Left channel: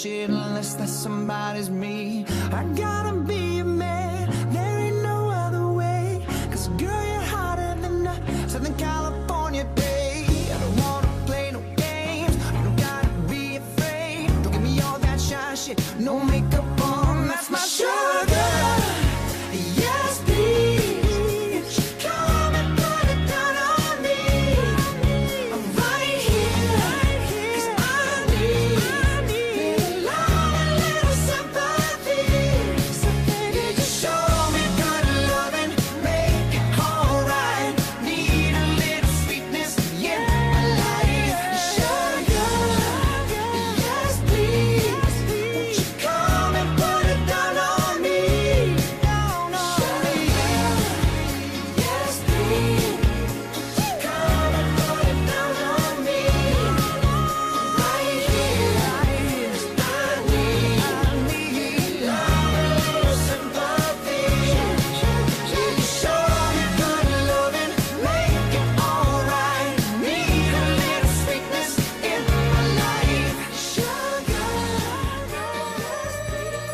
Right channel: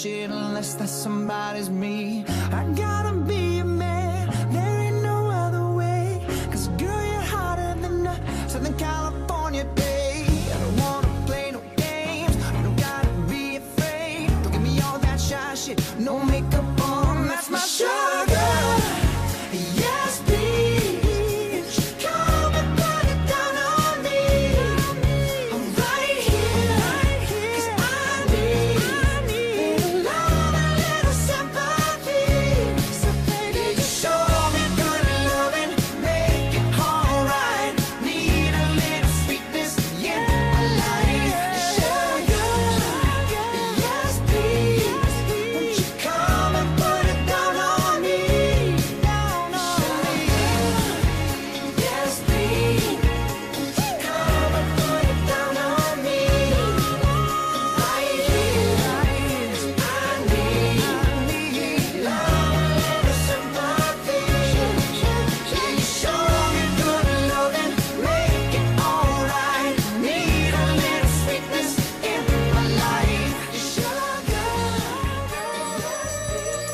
shit unless that somebody's me. I gotta be a man, there ain't no other way. Cause girl, you're hotter than a Southern California day. I don't wanna play no games, you don't gotta be afraid. Don't give me all that shy shit, no makeup on, that's my sugar. Yes, please, come and put it down on me. I'm right here, cause I need a lot, a little sympathy. You just show me good loving, make it alright. Need a little sweetness in my life. Sugar, yes please, won't you come and put it down on me? Sugar, yes please, won't you come and put it down on me? Right here, 'cause I need love, a little sympathy. You show me good loving, make it alright. Need a little sweetness in my life. Sugar, yes please.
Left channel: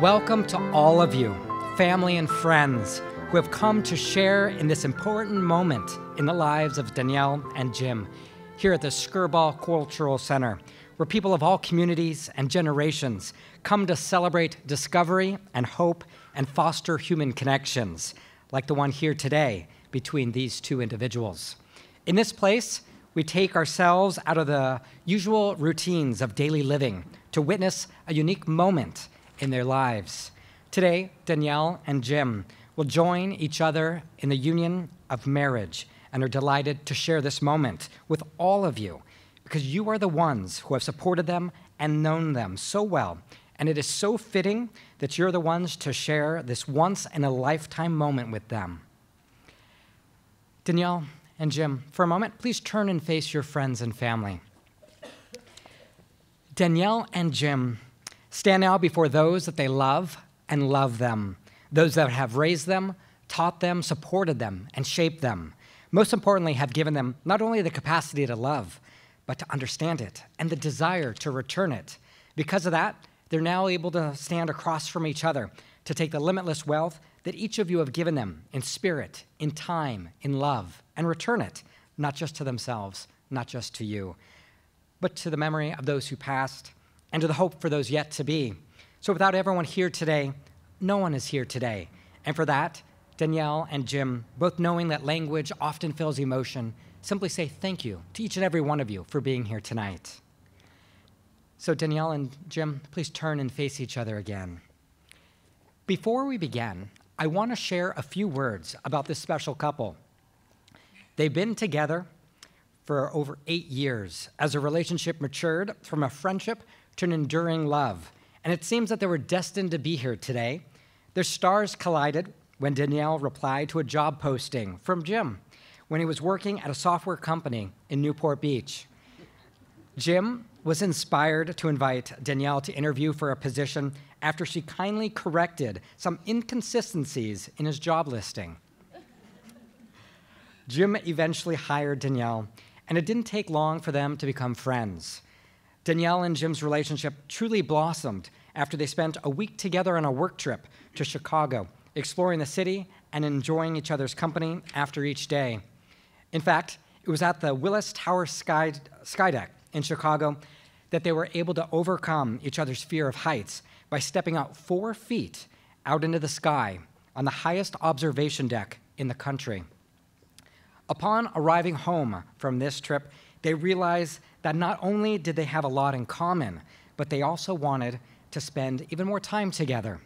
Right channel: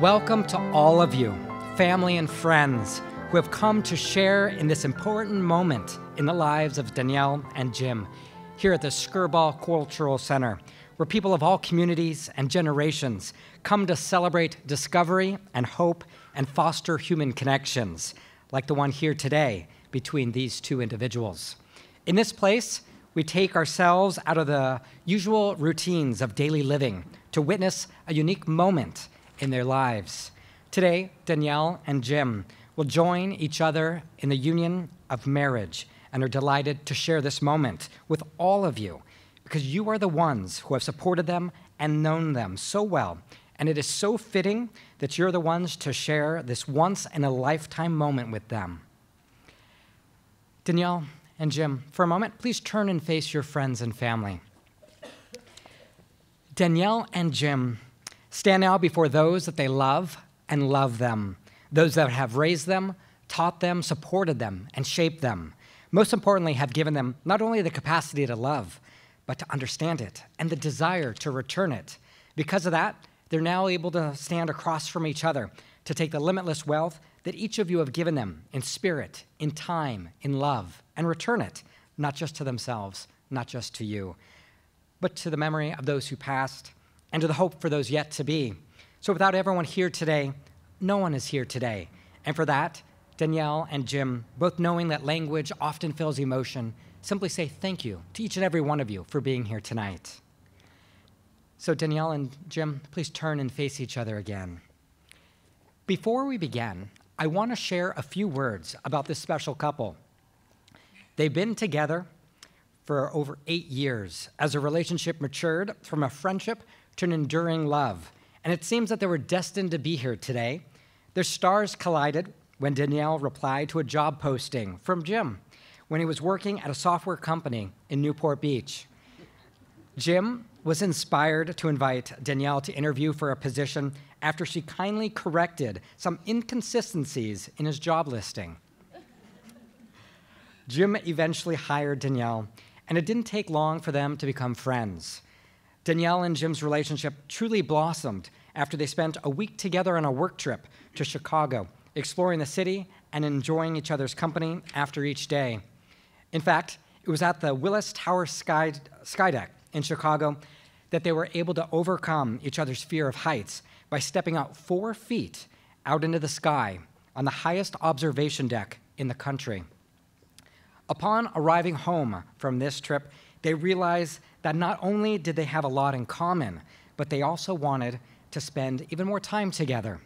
Welcome to all of you, family and friends, who have come to share in this important moment in the lives of Danielle and Jim here at the Skirball Cultural Center, where people of all communities and generations come to celebrate discovery and hope and foster human connections. like the one here today between these two individuals. In this place, we take ourselves out of the usual routines of daily living to witness a unique moment in their lives. Today, Danielle and Jim will join each other in the union of marriage and are delighted to share this moment with all of you because you are the ones who have supported them and known them so well. And it is so fitting that you're the ones to share this once-in-a-lifetime moment with them. Danielle and Jim, for a moment, please turn and face your friends and family. Danielle and Jim stand now before those that they love and love them, those that have raised them, taught them, supported them, and shaped them. Most importantly, have given them not only the capacity to love, but to understand it and the desire to return it. Because of that, they're now able to stand across from each other to take the limitless wealth that each of you have given them in spirit, in time, in love, and return it, not just to themselves, not just to you, but to the memory of those who passed and to the hope for those yet to be. So without everyone here today, no one is here today. And for that, Danielle and Jim, both knowing that language often fills emotion, simply say thank you to each and every one of you for being here tonight. So Danielle and Jim, please turn and face each other again. Before we begin, I want to share a few words about this special couple. They've been together for over 8 years as a relationship matured from a friendship to an enduring love. And it seems that they were destined to be here today. Their stars collided when Danielle replied to a job posting from Jim when he was working at a software company in Newport Beach. Jim was inspired to invite Danielle to interview for a position after she kindly corrected some inconsistencies in his job listing. Jim eventually hired Danielle, and it didn't take long for them to become friends. Danielle and Jim's relationship truly blossomed after they spent a week together on a work trip to Chicago, exploring the city and enjoying each other's company after each day. In fact, it was at the Willis Tower Skydeck in Chicago that they were able to overcome each other's fear of heights by stepping out 4 feet out into the sky on the highest observation deck in the country. Upon arriving home from this trip, they realized that not only did they have a lot in common, but they also wanted to spend even more time together.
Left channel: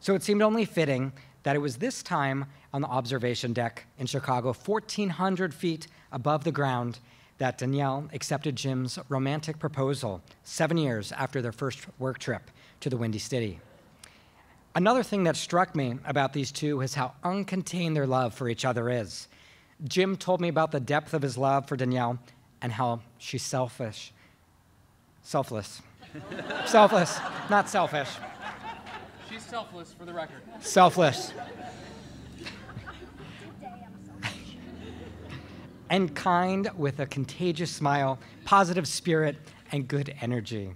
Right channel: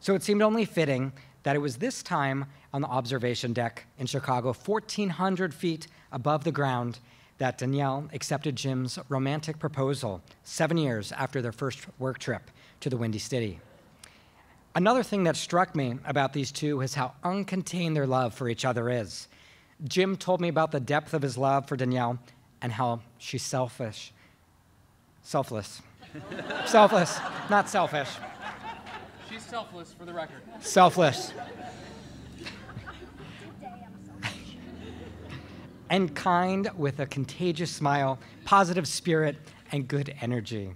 So it seemed only fitting that it was this time on the observation deck in Chicago, 1,400 feet above the ground, that Danielle accepted Jim's romantic proposal 7 years after their first work trip to the Windy City. Another thing that struck me about these two is how uncontained their love for each other is. Jim told me about the depth of his love for Danielle and how she's selfless, not selfish. She's selfless, for the record. Selfless. And kind with a contagious smile, positive spirit, and good energy.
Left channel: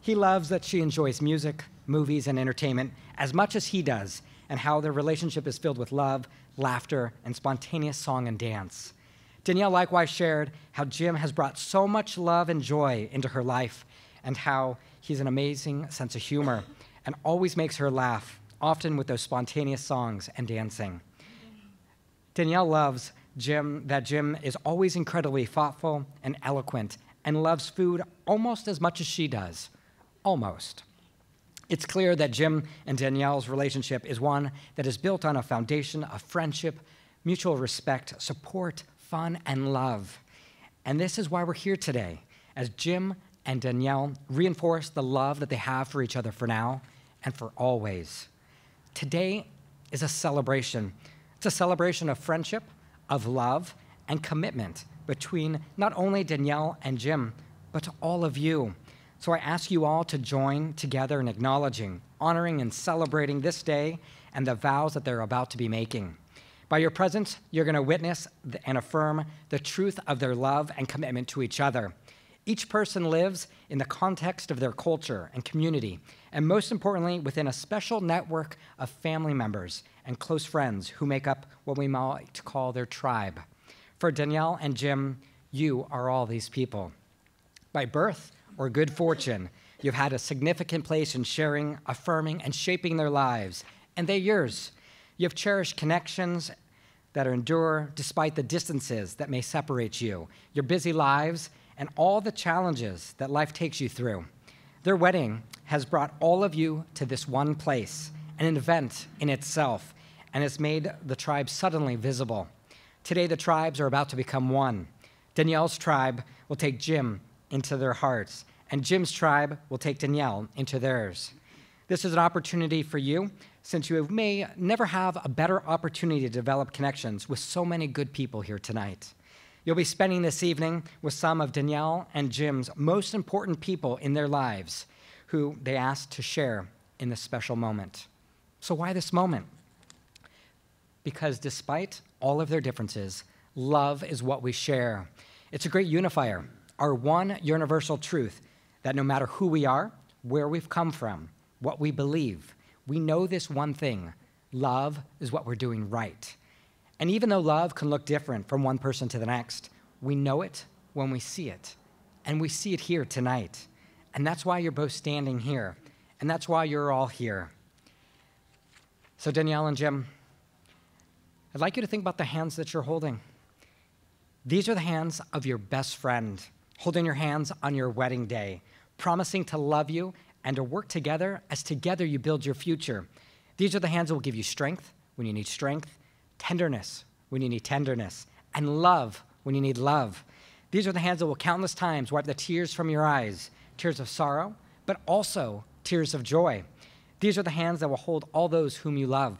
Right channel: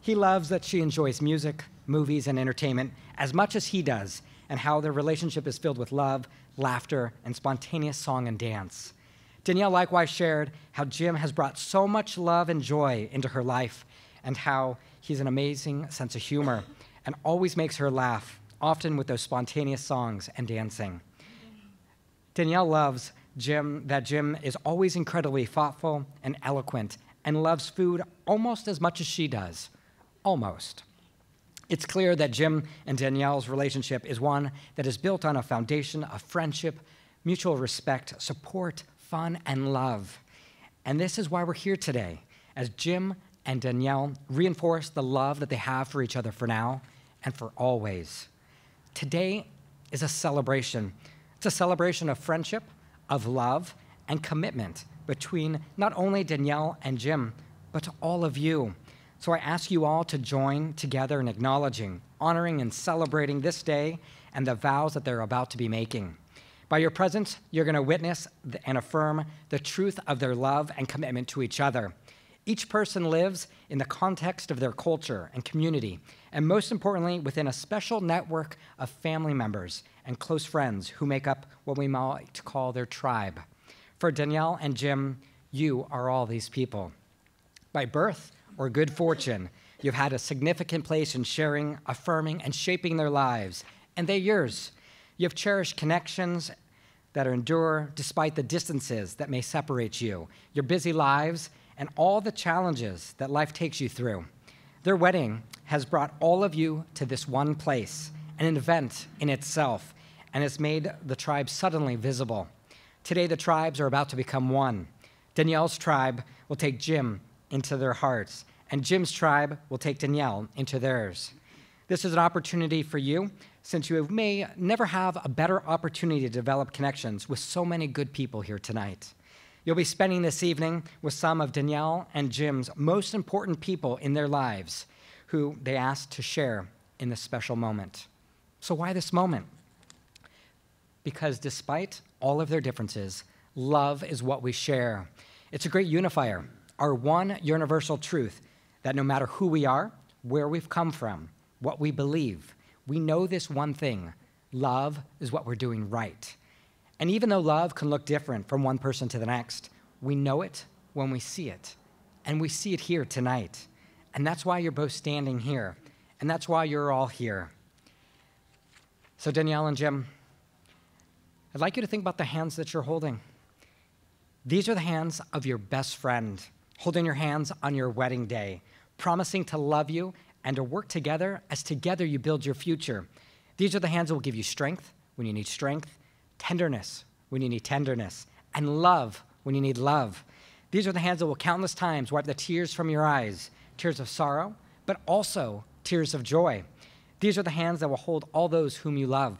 He loves that she enjoys music, movies, and entertainment as much as he does, and how their relationship is filled with love, laughter, and spontaneous song and dance. Danielle likewise shared how Jim has brought so much love and joy into her life, and how he's an amazing sense of humor and always makes her laugh, often with those spontaneous songs and dancing. Danielle loves that Jim is always incredibly thoughtful and eloquent and loves food almost as much as she does. Almost. It's clear that Jim and Danielle's relationship is one that is built on a foundation of friendship, mutual respect, support, fun, and love. And this is why we're here today, as Jim and Danielle reinforce the love that they have for each other for now and for always. Today is a celebration. It's a celebration of friendship, of love, and commitment between not only Danielle and Jim, but to all of you. So I ask you all to join together in acknowledging, honoring, and celebrating this day and the vows that they're about to be making. By your presence, you're going to witness and affirm the truth of their love and commitment to each other. Each person lives in the context of their culture and community, and most importantly, within a special network of family members and close friends who make up what we might call their tribe. For Danielle and Jim, you are all these people. By birth or good fortune, you've had a significant place in sharing, affirming, and shaping their lives, and they're yours. You have cherished connections that endure despite the distances that may separate you, your busy lives, and all the challenges that life takes you through. Their wedding has brought all of you to this one place, an event in itself, and has made the tribe suddenly visible. Today, the tribes are about to become one. Danielle's tribe will take Jim into their hearts, and Jim's tribe will take Danielle into theirs. This is an opportunity for you, since you may never have a better opportunity to develop connections with so many good people here tonight. You'll be spending this evening with some of Danielle and Jim's most important people in their lives, who they asked to share in this special moment. So why this moment? Because despite all of their differences, love is what we share. It's a great unifier, our one universal truth that no matter who we are, where we've come from, what we believe, we know this one thing: love is what we're doing right. And even though love can look different from one person to the next, we know it when we see it. And we see it here tonight. And that's why you're both standing here. And that's why you're all here. So Danielle and Jim, I'd like you to think about the hands that you're holding. These are the hands of your best friend, holding your hands on your wedding day, promising to love you and to work together as together you build your future. These are the hands that will give you strength when you need strength, tenderness when you need tenderness, and love when you need love. These are the hands that will countless times wipe the tears from your eyes, tears of sorrow, but also tears of joy. These are the hands that will hold all those whom you love.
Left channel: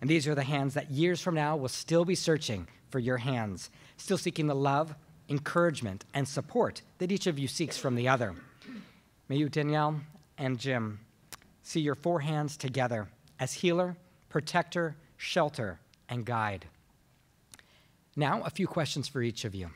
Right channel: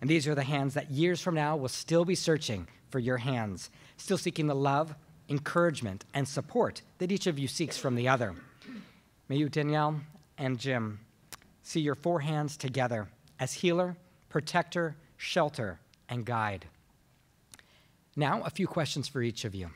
And these are the hands that years from now will still be searching for your hands, still seeking the love, encouragement, and support that each of you seeks from the other. May you, Danielle and Jim, see your four hands together as healer, protector, shelter, and guide. Now, a few questions for each of you.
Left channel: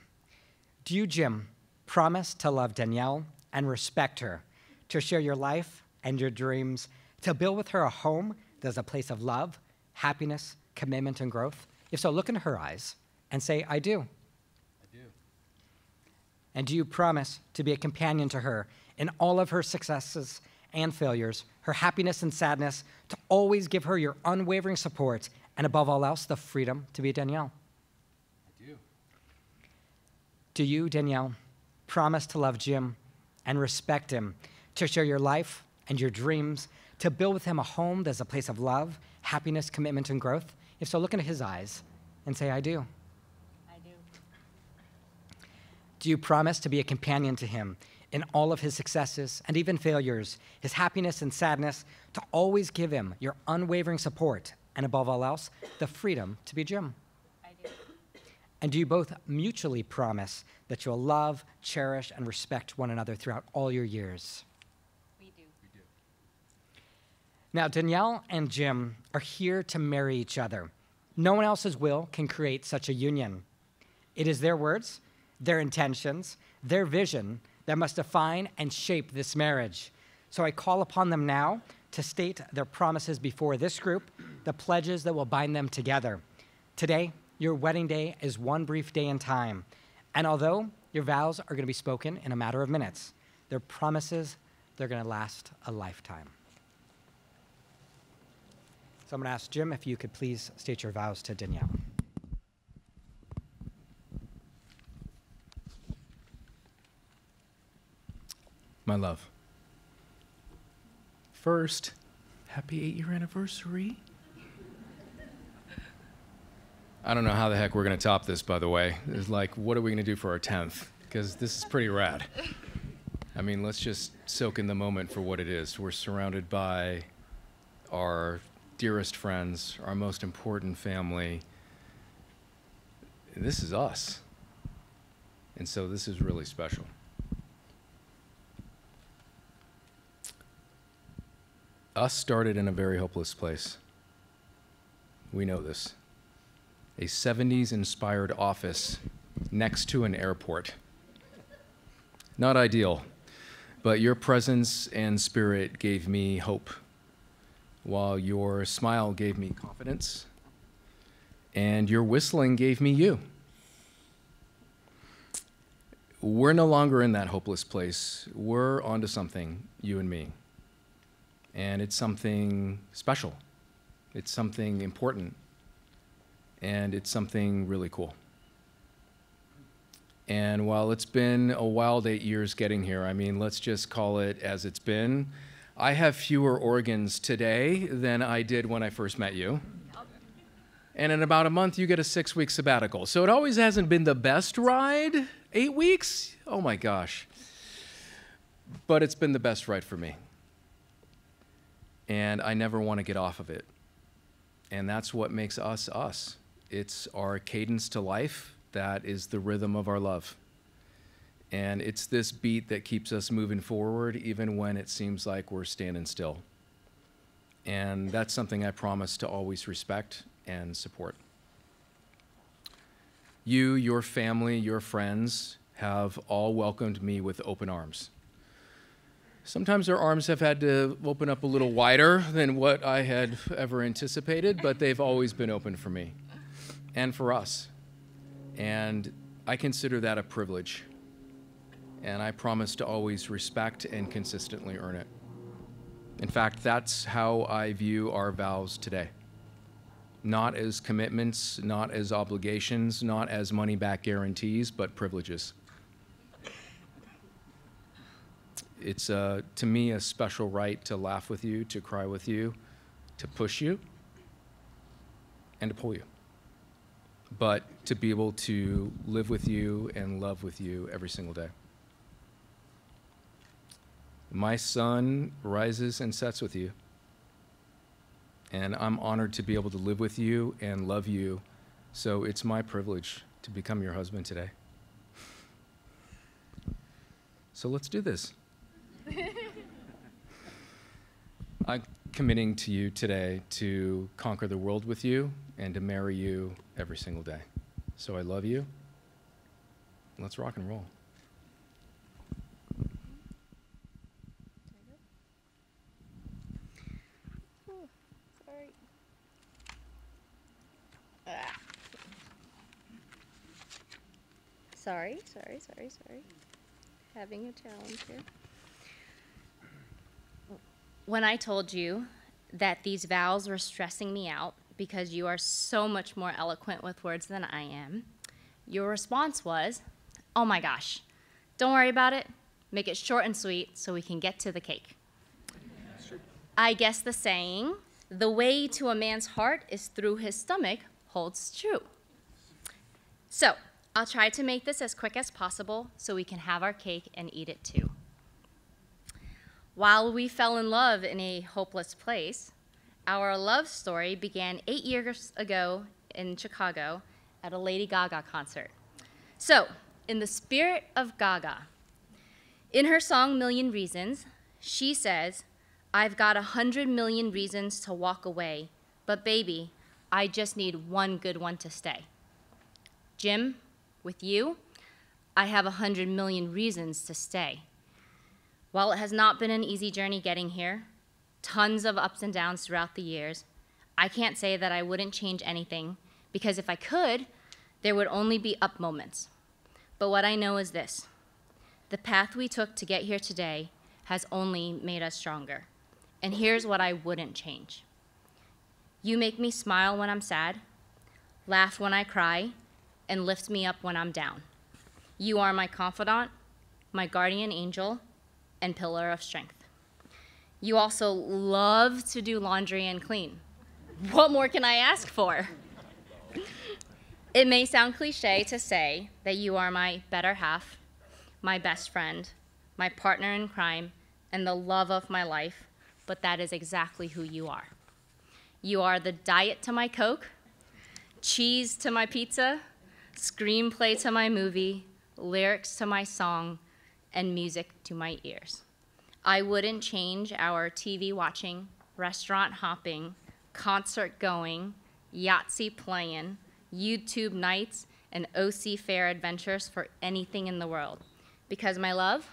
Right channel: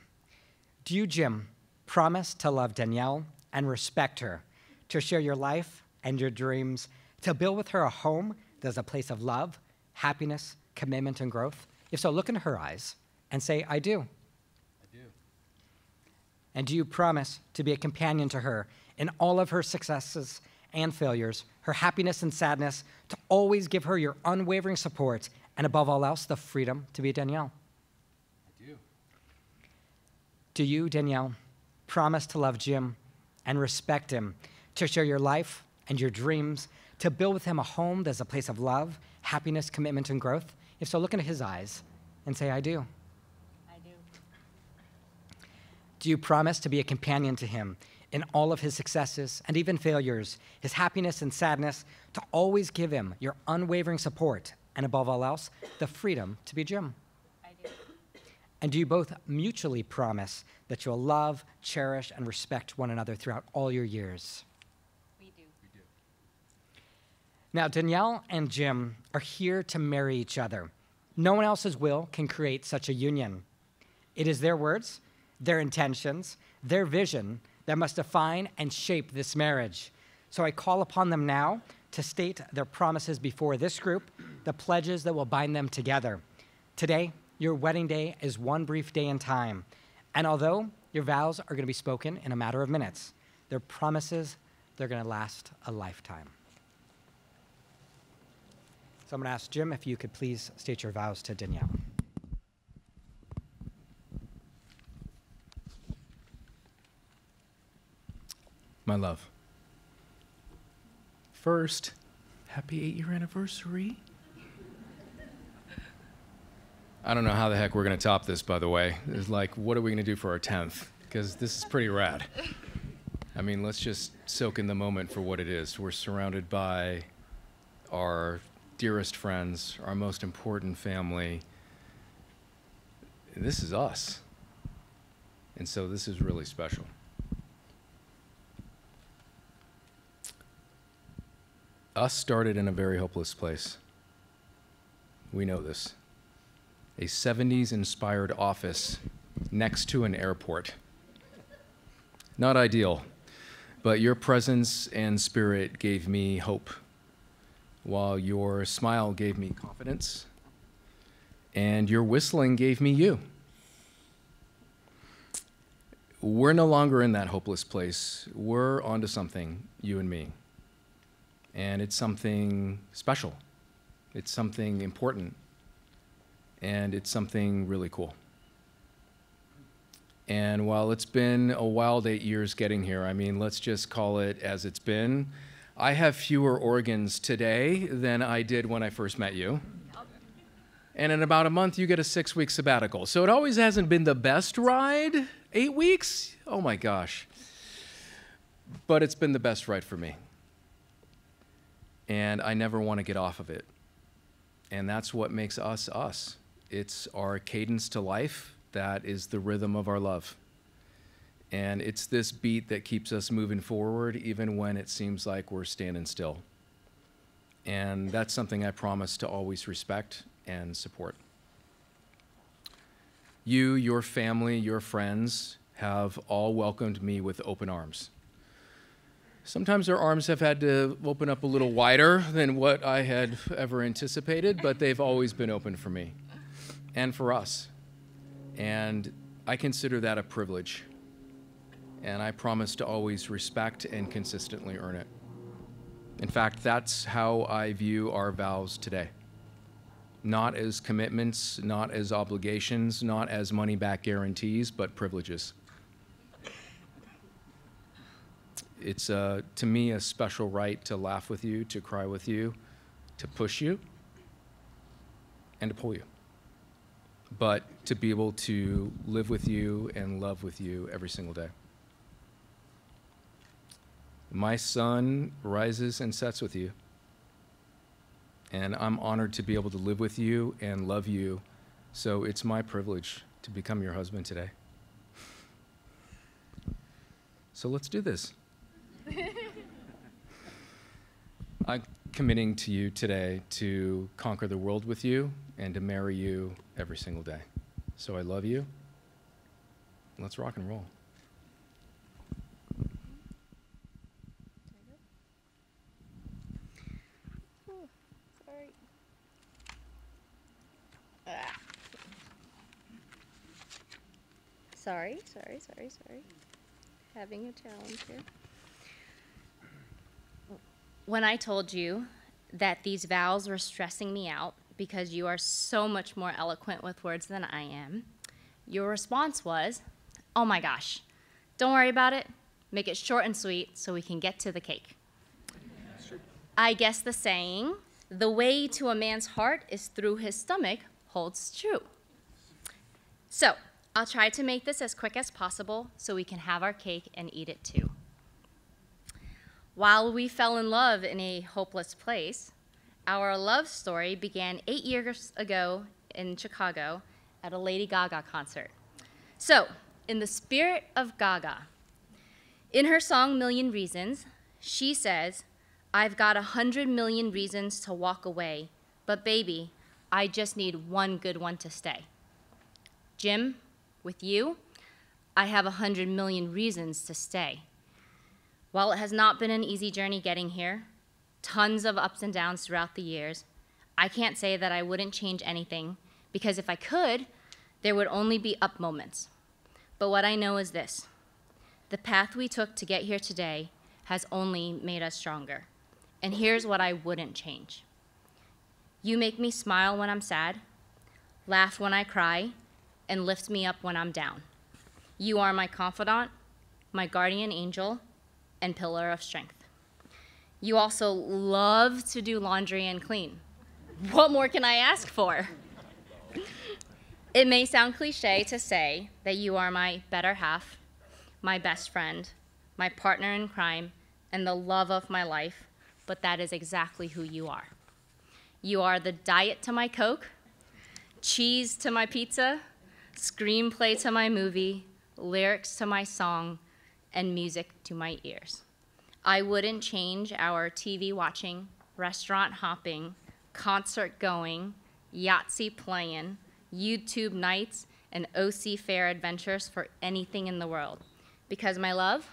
Do you, Jim, promise to love Danielle and respect her, to share your life and your dreams, to build with her a home that's a place of love, happiness, commitment, and growth? If so, look into her eyes and say, I do. I do. And do you promise to be a companion to her in all of her successes and failures, her happiness and sadness, to always give her your unwavering support, and above all else, the freedom to be Danielle? I do. Do you, Danielle, promise to love Jim and respect him, to share your life and your dreams, to build with him a home that's a place of love, happiness, commitment, and growth? If so, look into his eyes and say, I do. I do. Do you promise to be a companion to him in all of his successes and even failures, his happiness and sadness, to always give him your unwavering support, and above all else, the freedom to be Jim? I do. And do you both mutually promise that you'll love, cherish, and respect one another throughout all your years? We do. We do. Now, Danielle and Jim are here to marry each other. No one else's will can create such a union. It is their words, their intentions, their vision that must define and shape this marriage. So I call upon them now to state their promises before this group, the pledges that will bind them together. Today, your wedding day is one brief day in time. And although your vows are going to be spoken in a matter of minutes, their promises, they're going to last a lifetime. So I'm going to ask Jim if you could please state your vows to Danielle. My love. First, happy 8-year anniversary. I don't know how the heck we're going to top this, by the way. It's like, what are we going to do for our 10th? Because this is pretty rad. I mean, let's just soak in the moment for what it is. We're surrounded by our dearest friends, our most important family. This is us. And so this is really special. Us started in a very hopeless place. We know this. A 70s-inspired office next to an airport. Not ideal, but your presence and spirit gave me hope, while your smile gave me confidence, and your whistling gave me you. We're no longer in that hopeless place. We're onto something, you and me. And it's something special, It's something important, and it's something really cool. And while it's been a wild 8 years getting here, I mean, let's just call it as it's been, I have fewer organs today than I did when I first met you. And in about a month, you get a 6-week sabbatical. So it always hasn't been the best ride. 8 weeks? Oh my gosh. But it's been the best ride for me. And I never want to get off of it. And that's what makes us us. It's our cadence to life that is the rhythm of our love. And it's this beat that keeps us moving forward even when it seems like we're standing still. And that's something I promise to always respect and support. You, your family, your friends have all welcomed me with open arms. Sometimes their arms have had to open up a little wider than what I had ever anticipated, but they've always been open for me and for us. And I consider that a privilege. And I promise to always respect and consistently earn it. In fact, that's how I view our vows today. Not as commitments, not as obligations, not as money-back guarantees, but privileges. It's, to me, a special right to laugh with you, to cry with you, to push you, and to pull you. But to be able to live with you and love with you every single day. My sun rises and sets with you. And I'm honored to be able to live with you and love you. So it's my privilege to become your husband today. So let's do this. I'm committing to you today to conquer the world with you and to marry you every single day. So I love you. Let's rock and roll. Sorry. Having a challenge here. When I told you that these vows were stressing me out because you are so much more eloquent with words than I am, your response was, oh my gosh, don't worry about it. Make it short and sweet so we can get to the cake. I guess the saying, the way to a man's heart is through his stomach, holds true. So, I'll try to make this as quick as possible so we can have our cake and eat it too. While we fell in love in a hopeless place, our love story began 8 years ago in Chicago at a Lady Gaga concert. So, in the spirit of Gaga, in her song Million Reasons, she says, I've got 100 million reasons to walk away, but baby, I just need one good one to stay. Jim, with you, I have 100 million reasons to stay. While it has not been an easy journey getting here, tons of ups and downs throughout the years, I can't say that I wouldn't change anything, because if I could, there would only be up moments. But what I know is this: the path we took to get here today has only made us stronger. And here's what I wouldn't change. You make me smile when I'm sad, laugh when I cry, and lift me up when I'm down. You are my confidant, my guardian angel, and pillar of strength. You also love to do laundry and clean. What more can I ask for? It may sound cliche to say that you are my better half, my best friend, my partner in crime, and the love of my life, but that is exactly who you are. You are the diet to my Coke, cheese to my pizza, screenplay to my movie, lyrics to my song, and music to my ears. I wouldn't change our TV watching, restaurant hopping, concert going, Yahtzee playing, YouTube nights, and OC fair adventures for anything in the world. Because my love,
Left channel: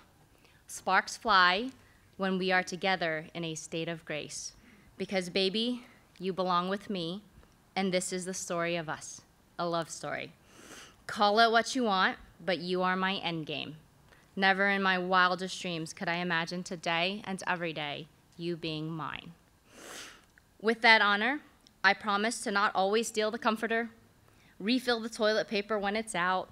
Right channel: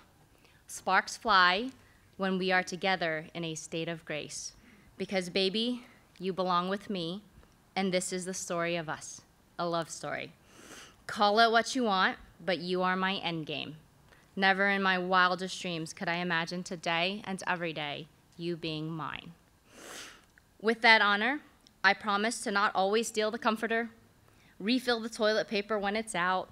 sparks fly when we are together in a state of grace. Because baby, you belong with me, and this is the story of us, a love story. Call it what you want, but you are my endgame. Never in my wildest dreams could I imagine today and every day you being mine. With that honor, I promise to not always steal the comforter, refill the toilet paper when it's out,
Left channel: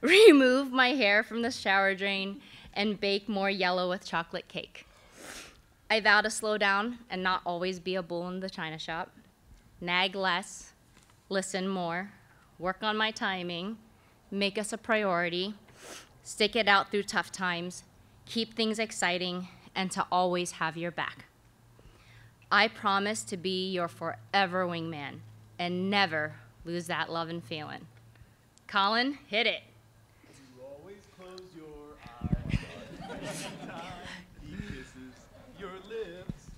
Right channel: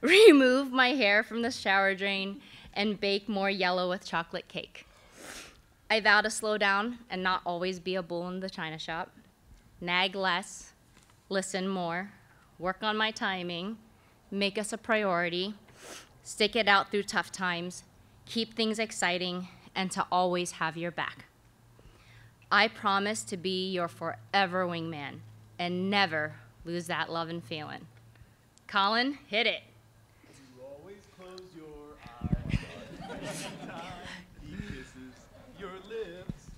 remove my hair from the shower drain, and bake more yellow with chocolate cake. I vow to slow down and not always be a bull in the china shop, nag less, listen more, work on my timing, make us a priority, stick it out through tough times, keep things exciting, and to always have your back. I promise to be your forever wingman and never lose that love and feeling. Colin, hit it. You always close your eyes every time he kisses your lips.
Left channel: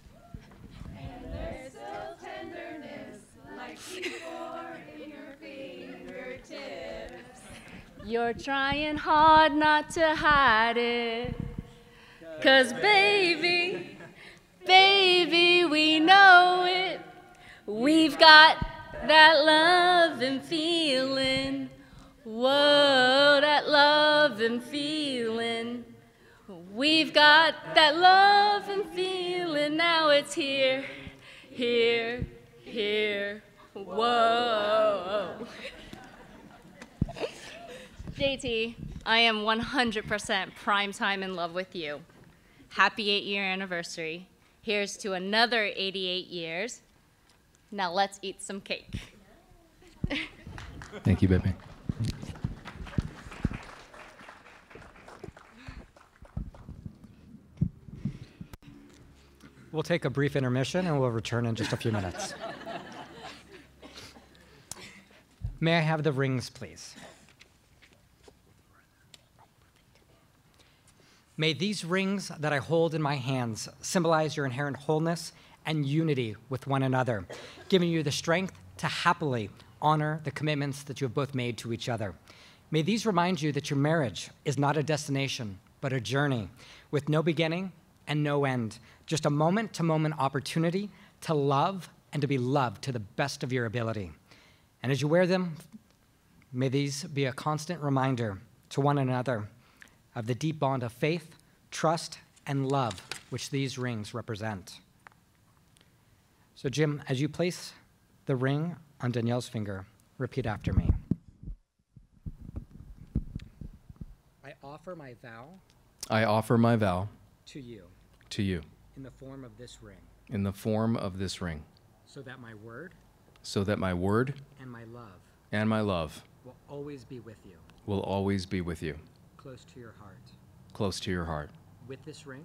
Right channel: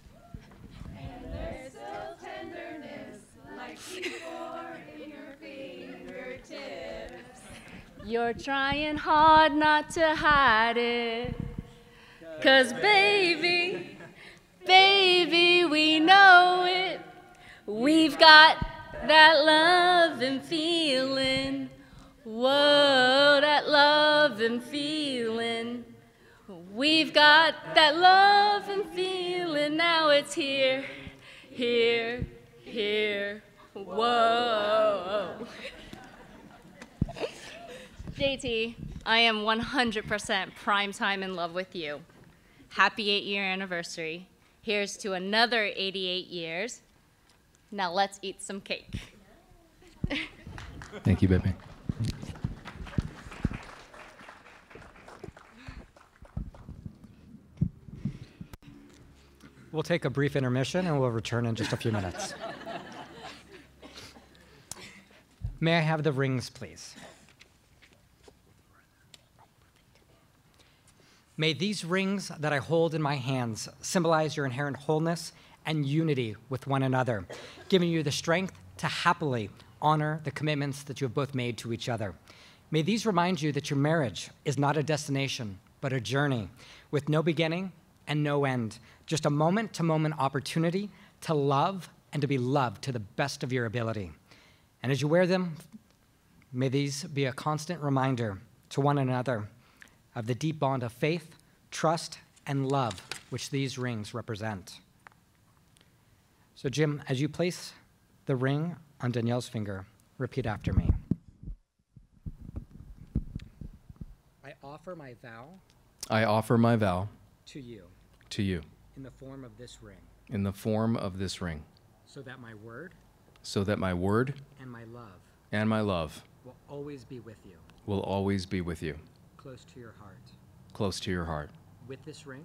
And there's still tenderness like before in your fingertips. You're trying hard not to hide it. 'Cause baby, baby, we know it. We've got that love and feeling. Whoa, that love and feeling. We've got that love and feeling. Now it's here, here, here. Whoa. JT, I am 100% prime time in love with you. Happy 8-year anniversary. Here's to another 88 years. Now let's eat some cake. Thank you, baby. We'll take a brief intermission and we'll return in just a few minutes. May I have the rings, please? May these rings that I hold in my hands symbolize your inherent wholeness and unity with one another, giving you the strength to happily honor the commitments that you have both made to each other. May these remind you that your marriage is not a destination, but a journey with no beginning and no end, just a moment-to-moment opportunity to love and to be loved to the best of your ability. And as you wear them, may these be a constant reminder to one another of the deep bond of faith, trust, and love which these rings represent. So Jim, as you place the ring on Danielle's finger, repeat after me. I offer my vow I offer my vow to you to you in the form of this ring, in the form of this ring, so that my word so that my word and my love and my love will always be with you, will always be with you, close to your heart. close to your heart. With this ring,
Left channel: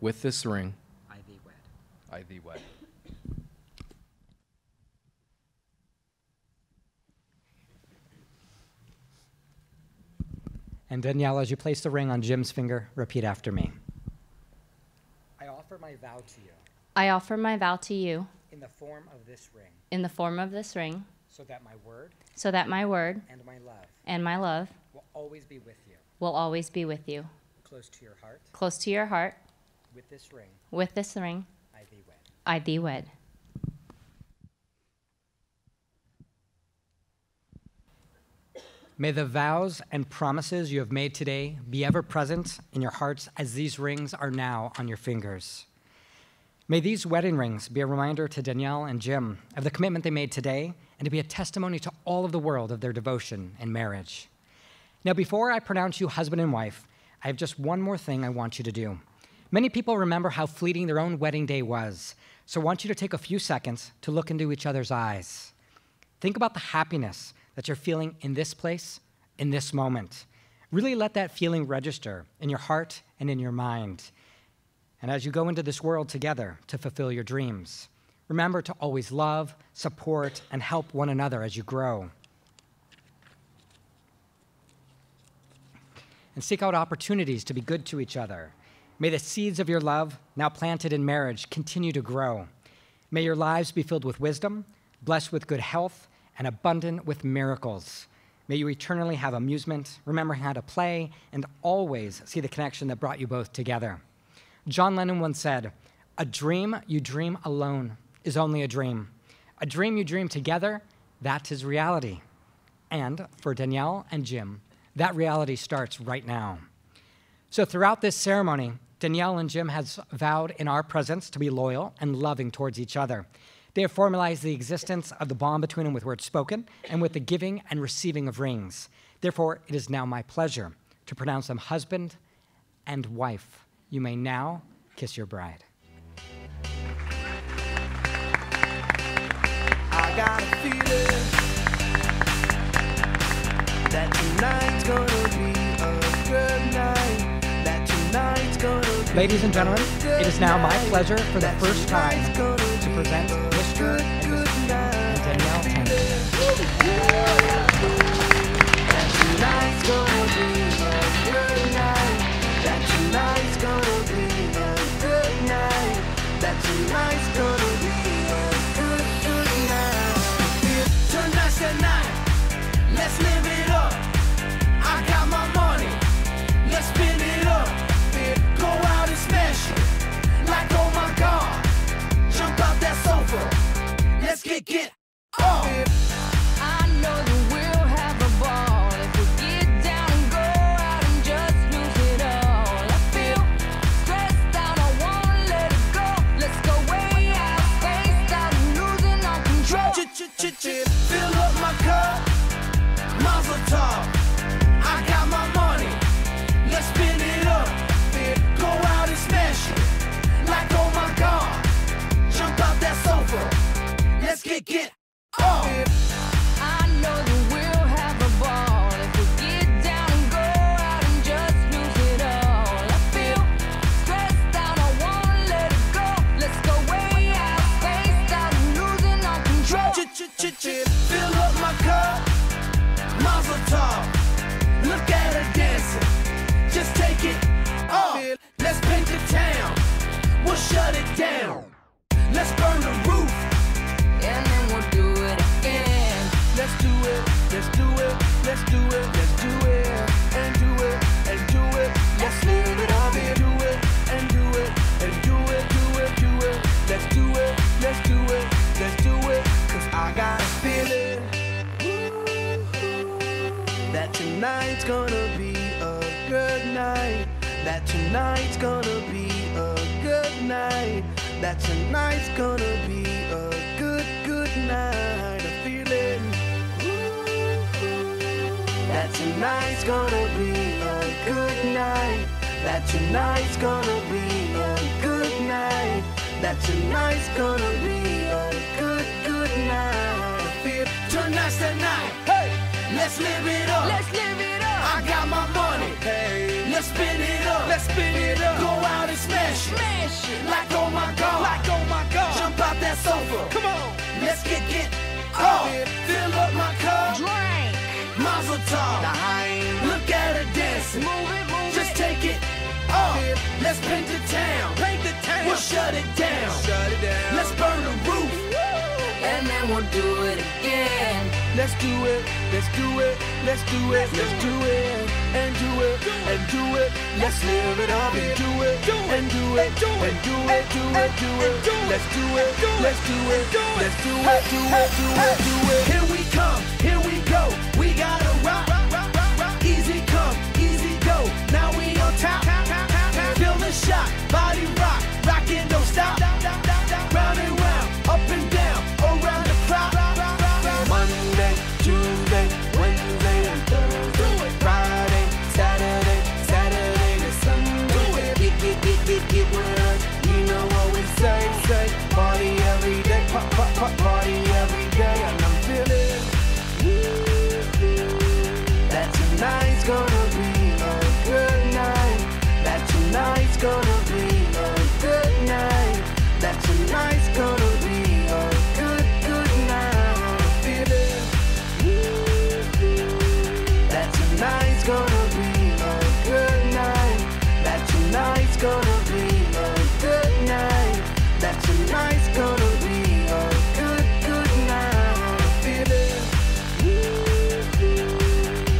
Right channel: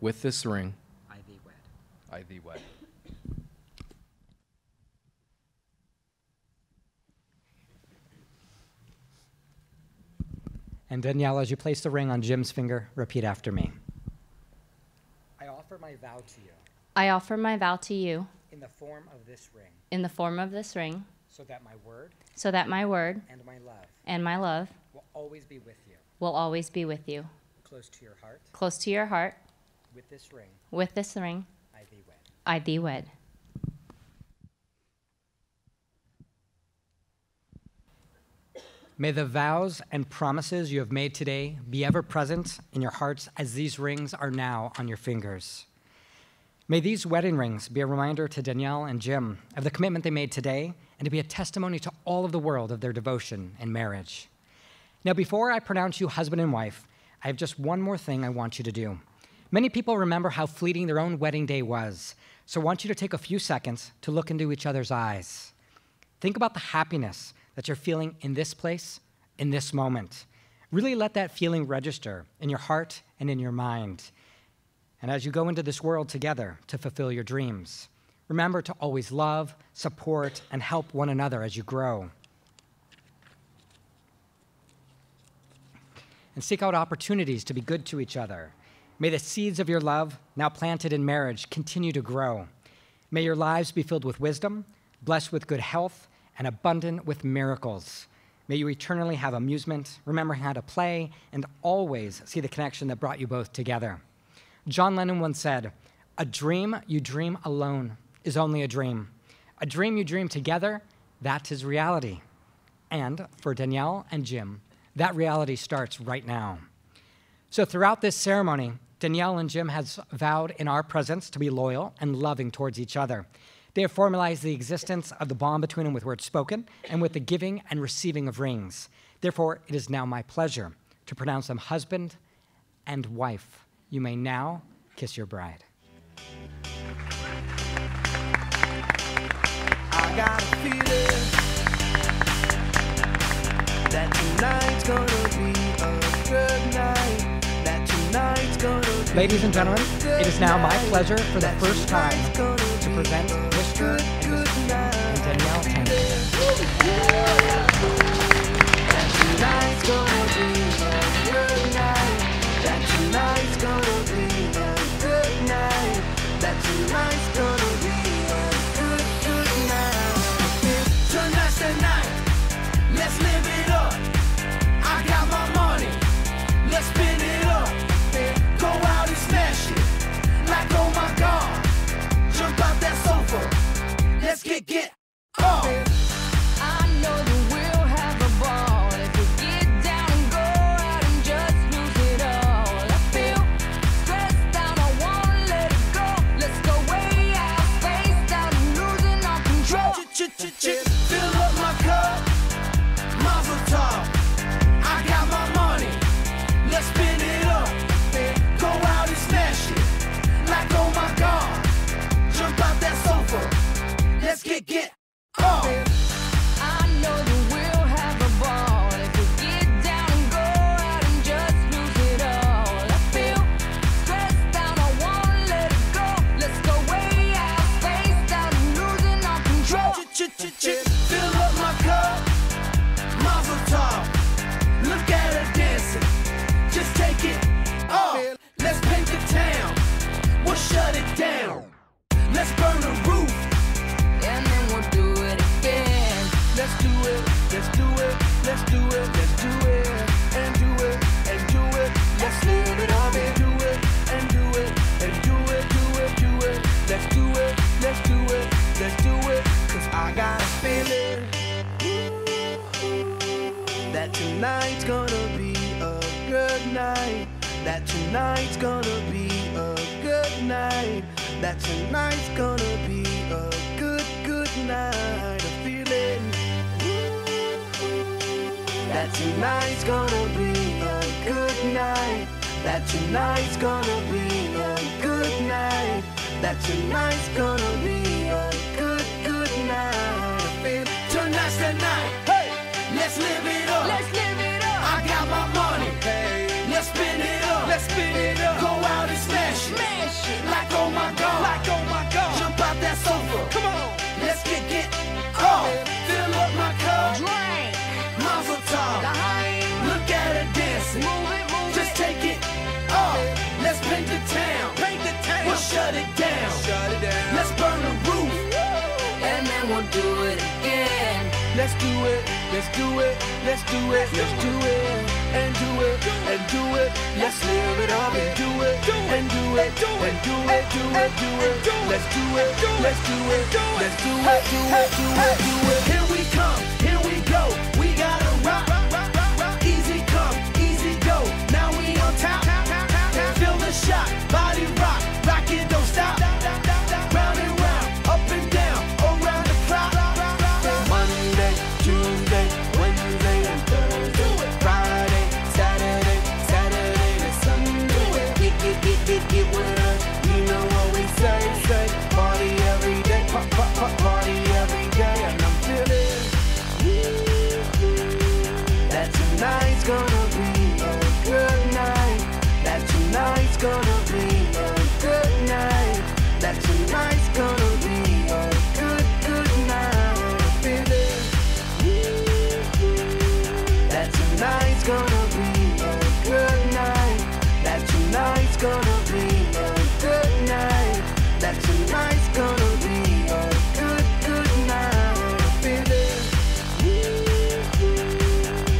With this ring, I thee wed. I thee wed. And Danielle, as you place the ring on Jim's finger, repeat after me. I offer my vow to you I offer my vow to you in the form of this ring, in the form of this ring, so that my word so that my word and my love and my love will always be with you, will always be with you, close to your heart. close to your heart. With this ring, With this ring, I thee wed. I thee wed. May the vows and promises you have made today be ever present in your hearts as these rings are now on your fingers. May these wedding rings be a reminder to Danielle and Jim of the commitment they made today and to be a testimony to all of the world of their devotion and marriage. Now, before I pronounce you husband and wife, I have just one more thing I want you to do. Many people remember how fleeting their own wedding day was, so I want you to take a few seconds to look into each other's eyes. Think about the happiness that you're feeling in this place, in this moment. Really let that feeling register in your heart and in your mind. And as you go into this world together to fulfill your dreams, remember to always love, support, and help one another as you grow. And seek out opportunities to be good to each other. May the seeds of your love, now planted in marriage, continue to grow. May your lives be filled with wisdom, blessed with good health, and abundant with miracles. May you eternally have amusement, remember how to play, and always see the connection that brought you both together. John Lennon once said, "A dream you dream alone is only a dream. A dream you dream together, that is reality." And for Danielle and Jim, that reality starts right now. So throughout this ceremony, Danielle and Jim has vowed in our presence to be loyal and loving towards each other. They have formalized the existence of the bond between them with words spoken and with the giving and receiving of rings. Therefore, it is now my pleasure to pronounce them husband and wife. You may now kiss your bride. I got a feeling that tonight's gonna be a good night. That tonight's gonna be Ladies and gentlemen, it is now my pleasure for the first time to present Mr. and Mrs. Danielle Tanner. That tonight's gonna be a good night. That tonight's gonna be a good night. That tonight's gonna be a good night. Tonight's the night. Let's live it up. I got my money. Let's spin it up. Go out and smash it. Like, oh my God. Jump out that sofa. Let's get off. I know that we'll have a ball if we get down and go out and just lose it all. I feel stressed out, I wanna let it go. Let's go way out, spaced out, and losing all control. Fill up my cup. Mazel tov. I got my money. Let's spin it up. Go out and smash it. Like, oh my God. Jump out that sofa. Let's get off. I know that we'll have a ball if we get down and go out and just lose it all. I feel stressed out, I wanna let it go. Let's go way out, spaced out, and losing all control. Fill up my cup. Mazel tov. Look at her dancing. Just take it off. Let's paint the town. We'll shut it down. Let's burn the roof. And then we'll do it again. Let's do it. Let's do it. Let's do it. Let's do it. And do it. And do it. Let's live it up. And do it. And do it. And do it. Do it. Do it. Let's do it. Let's do it. Let's do it. 'Cause I got a feeling that tonight's gonna be a good night. That tonight's gonna be a good night. That tonight's gonna be a good night. A feeling that tonight's gonna be a good night. That tonight's gonna be a good night. That tonight's gonna be a good night. I feel tonight's the night. Hey, let's live it up. Let's live it up. I got my money. Hey, let's spin it up. Let's spin it up. Go out and smash it. Smash it. Like, oh my God. Like, oh my God. Jump out that sofa. Come on. Let's get off. Fill up my cup. Drink. Mazel tov. Look at her dancing. Move it, move Just it. take it off. Let's paint the town. Paint the town. We'll shut it down. Shut it down. Let's burn the roof. And then we'll do it again. Let's do it. Let's do it. Let's do it. Let's do it. And do it. And do it. Let's live it up and do it. And do it. And do it. Do it. Do it. Let's do it. Let's do it. Let's do it. Do it. Do it. Do it. Here we come. Here we go. We gotta rock. Easy come. Easy go. Now we on top. Feel the shot. Body rock. Rockin', don't stop. Round and round. Up and down. Around the clock. Monday, Tuesday, Wednesday, and Thursday. Friday, Saturday, Saturday to Sunday. Get with us. You know what we say. Party every day. Party every day. And I'm feeling that tonight's gonna be a good night. That tonight's gonna be a good night. That tonight's gonna be a good night. Feeling that tonight's gonna be a good night. That tonight's gonna be a good night. That tonight's gonna be a good night. Feeling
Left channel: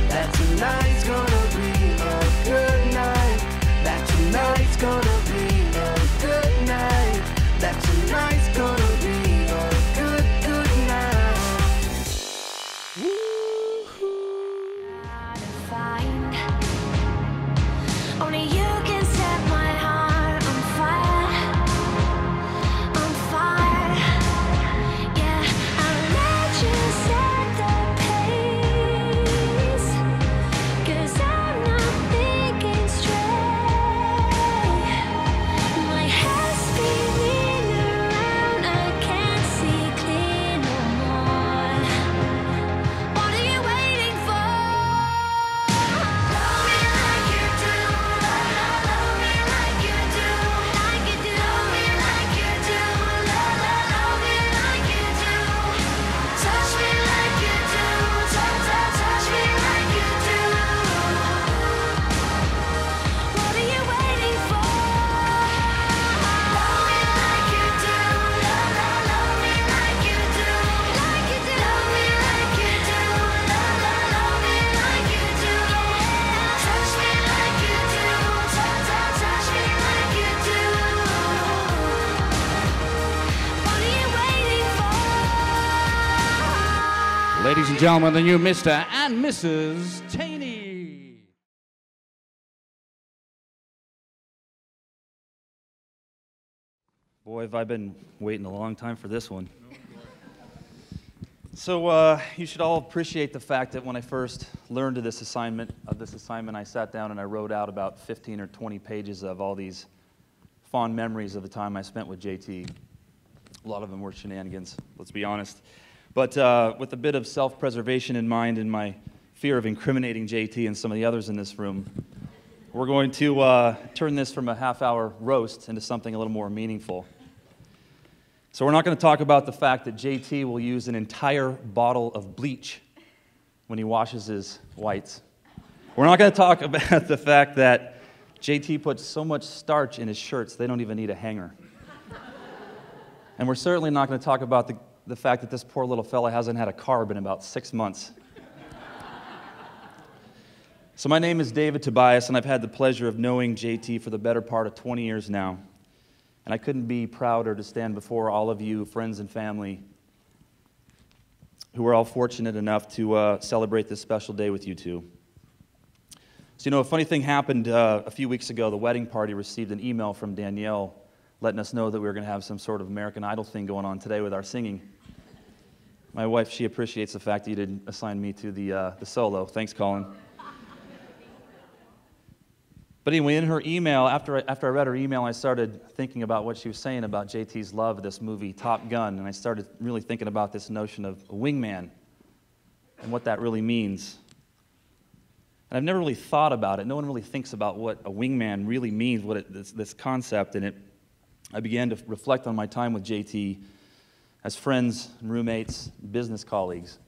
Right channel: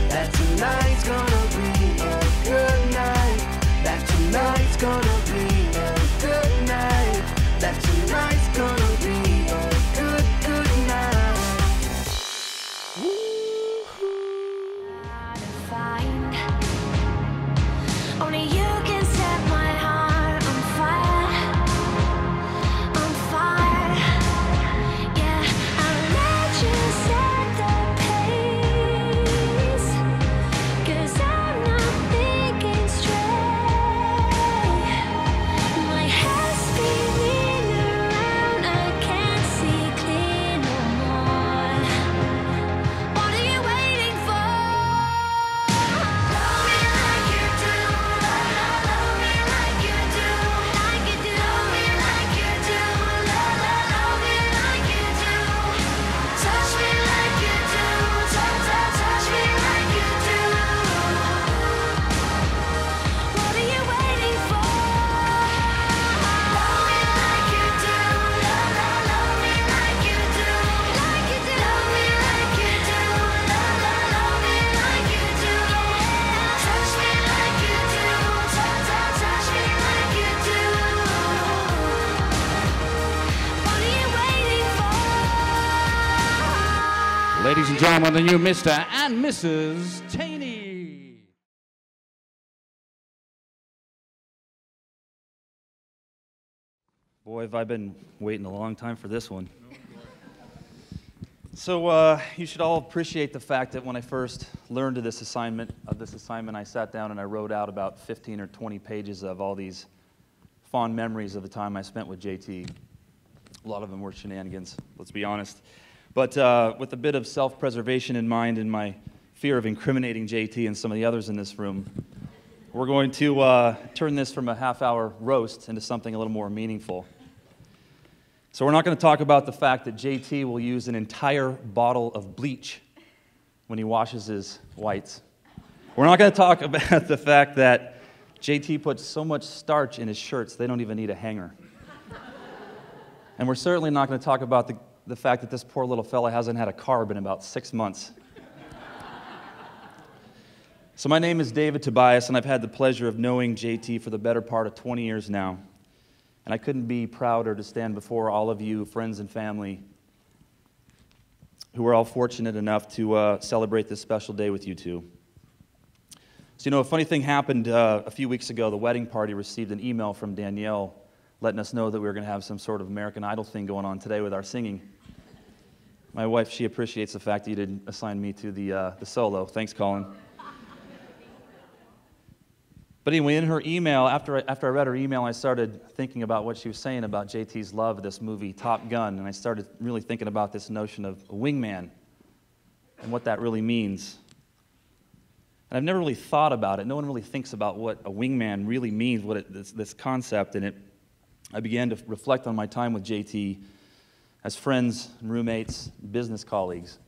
that tonight's gonna be a good night. That tonight's gonna be a good night. That tonight's gonna be a good night. Only you can set my heart on fire, on fire. ladies and gentlemen, the new Mr. and Mrs. Taney. Boy, have I been waiting a long time for this one. So you should all appreciate the fact that when I first learned of this assignment, I sat down and I wrote out about 15 or 20 pages of all these fond memories of the time I spent with JT. A lot of them were shenanigans, let's be honest. But with a bit of self-preservation in mind and my fear of incriminating JT and some of the others in this room, we're going to turn this from a half-hour roast into something a little more meaningful. So we're not going to talk about the fact that JT will use an entire bottle of bleach when he washes his whites. We're not going to talk about the fact that JT puts so much starch in his shirts they don't even need a hanger. And we're certainly not going to talk about the fact that this poor little fella hasn't had a carb in about 6 months. So my name is David Tobias, and I've had the pleasure of knowing JT for the better part of 20 years now. And I couldn't be prouder to stand before all of you, friends and family, who are all fortunate enough to celebrate this special day with you two. So, you know, a funny thing happened a few weeks ago. The wedding party received an email from Danielle letting us know that we were going to have some sort of American Idol thing going on today with our singing. My wife, she appreciates the fact that you didn't assign me to the solo. Thanks, Colin. But anyway, in her email, after I read her email, I started thinking about what she was saying about JT's love of this movie, Top Gun, and I started really thinking about this notion of a wingman and what that really means. And I've never really thought about it. No one really thinks about what a wingman really means, this concept, and I began to reflect on my time with JT as friends, roommates, business colleagues.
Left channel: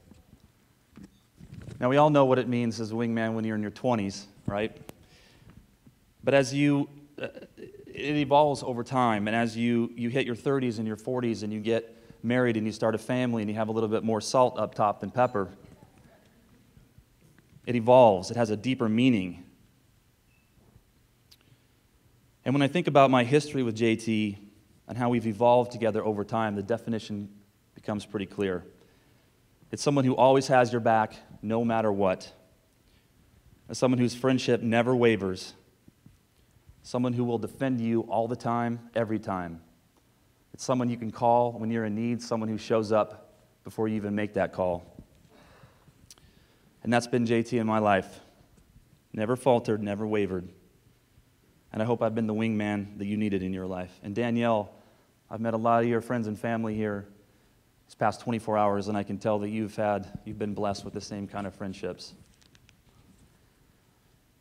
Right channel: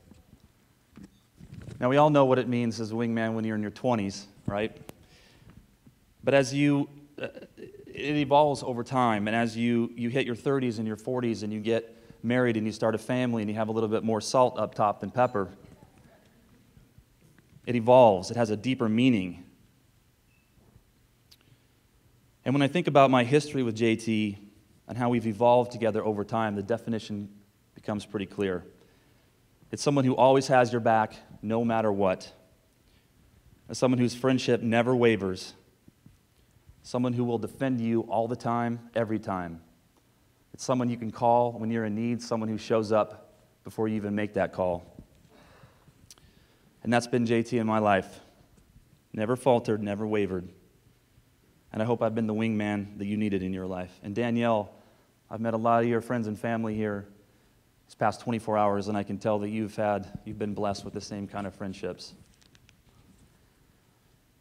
Now, we all know what it means as a wingman when you're in your 20s, right? But as it evolves over time, and as you hit your 30s and your 40s and you get married and you start a family and you have a little bit more salt up top than pepper, it evolves. It has a deeper meaning. And when I think about my history with JT and how we've evolved together over time, the definition becomes pretty clear. It's someone who always has your back no matter what. It's someone whose friendship never wavers. Someone who will defend you all the time, every time. It's someone you can call when you're in need, someone who shows up before you even make that call. And that's been JT in my life. Never faltered, never wavered. And I hope I've been the wingman that you needed in your life. And Danielle, I've met a lot of your friends and family here these past 24 hours, and I can tell that you've been blessed with the same kind of friendships.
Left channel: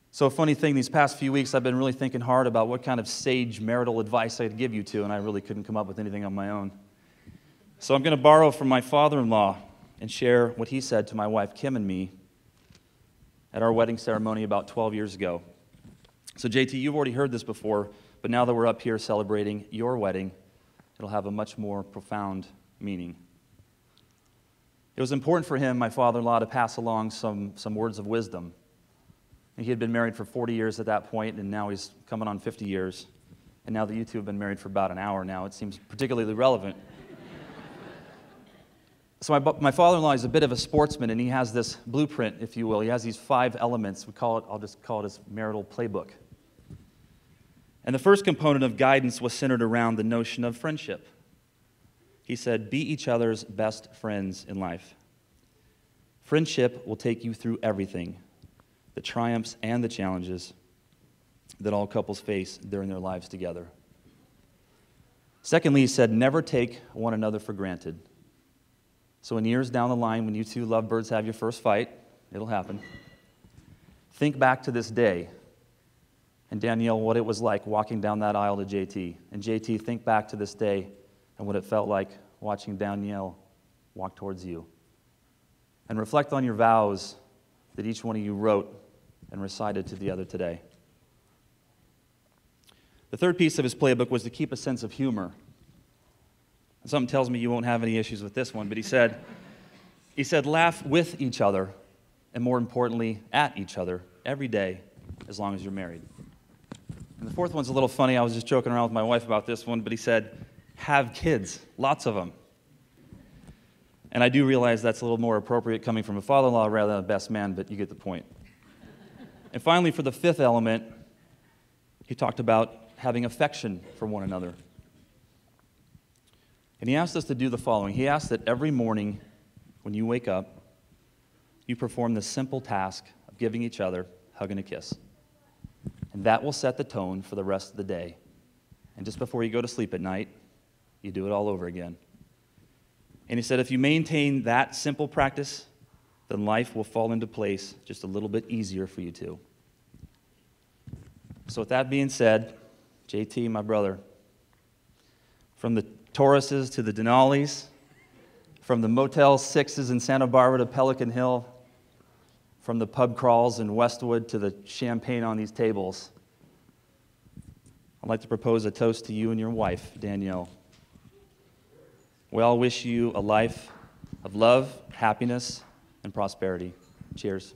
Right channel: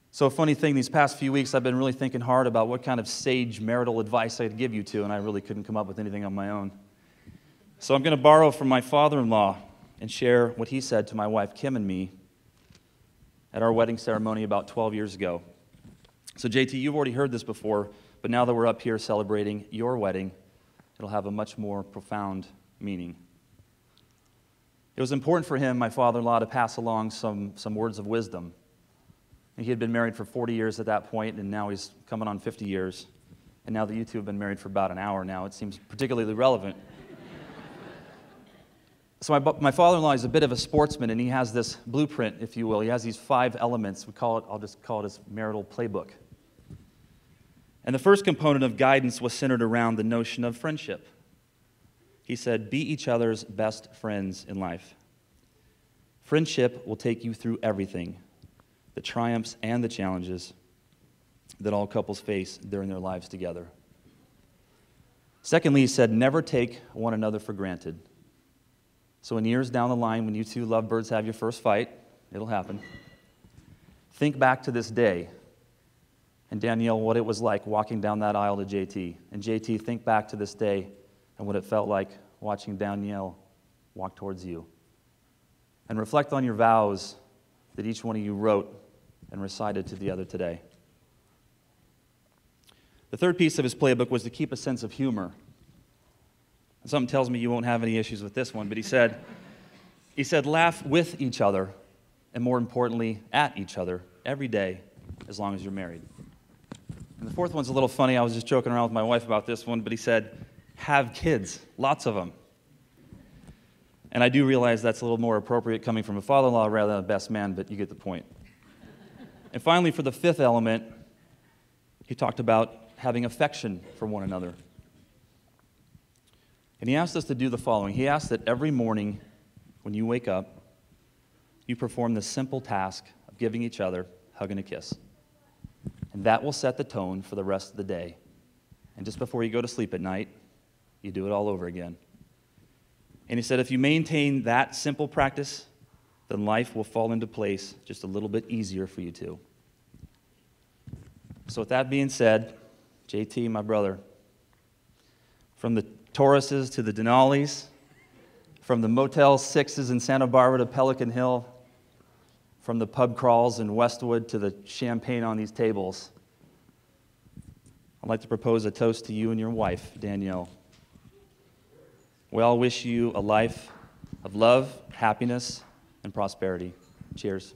So a funny thing, these past few weeks I've been really thinking hard about what kind of sage marital advice I'd give you two, and I really couldn't come up with anything on my own. So I'm going to borrow from my father-in-law and share what he said to my wife Kim and me at our wedding ceremony about 12 years ago. So JT, you've already heard this before, but now that we're up here celebrating your wedding, it'll have a much more profound meaning. It was important for him, my father-in-law, to pass along some words of wisdom. He had been married for 40 years at that point, and now he's coming on 50 years. And now that you two have been married for about an hour now, it seems particularly relevant. So my father-in-law is a bit of a sportsman, and he has this blueprint, if you will. He has these 5 elements. I'll just call it his marital playbook. And the first component of guidance was centered around the notion of friendship. He said, be each other's best friends in life. Friendship will take you through everything, the triumphs and the challenges that all couples face during their lives together. Secondly, he said, never take one another for granted. So in years down the line, when you two lovebirds have your first fight, it'll happen, think back to this day, and Danielle, what it was like walking down that aisle to JT. And JT, think back to this day and what it felt like watching Danielle walk towards you. And reflect on your vows that each one of you wrote and recited to the other today. The third piece of his playbook was to keep a sense of humor. Something tells me you won't have any issues with this one, but he said, laugh with each other, and more importantly, at each other every day, as long as you're married. And the fourth one's a little funny. I was just joking around with my wife about this one, but he said, have kids, lots of them. And I do realize that's a little more appropriate coming from a father-in-law rather than a best man, but you get the point. And finally, for the fifth element, he talked about having affection for one another. And he asked us to do the following. He asked that every morning when you wake up, you perform the simple task of giving each other a hug and a kiss. And that will set the tone for the rest of the day. And just before you go to sleep at night, you do it all over again. And he said if you maintain that simple practice, then life will fall into place just a little bit easier for you too. So with that being said, JT, my brother, from the Tauruses to the Denali's, from the Motel 6s in Santa Barbara to Pelican Hill, from the pub crawls in Westwood to the champagne on these tables, I'd like to propose a toast to you and your wife, Danielle. We all wish you a life of love, happiness, and prosperity. Cheers.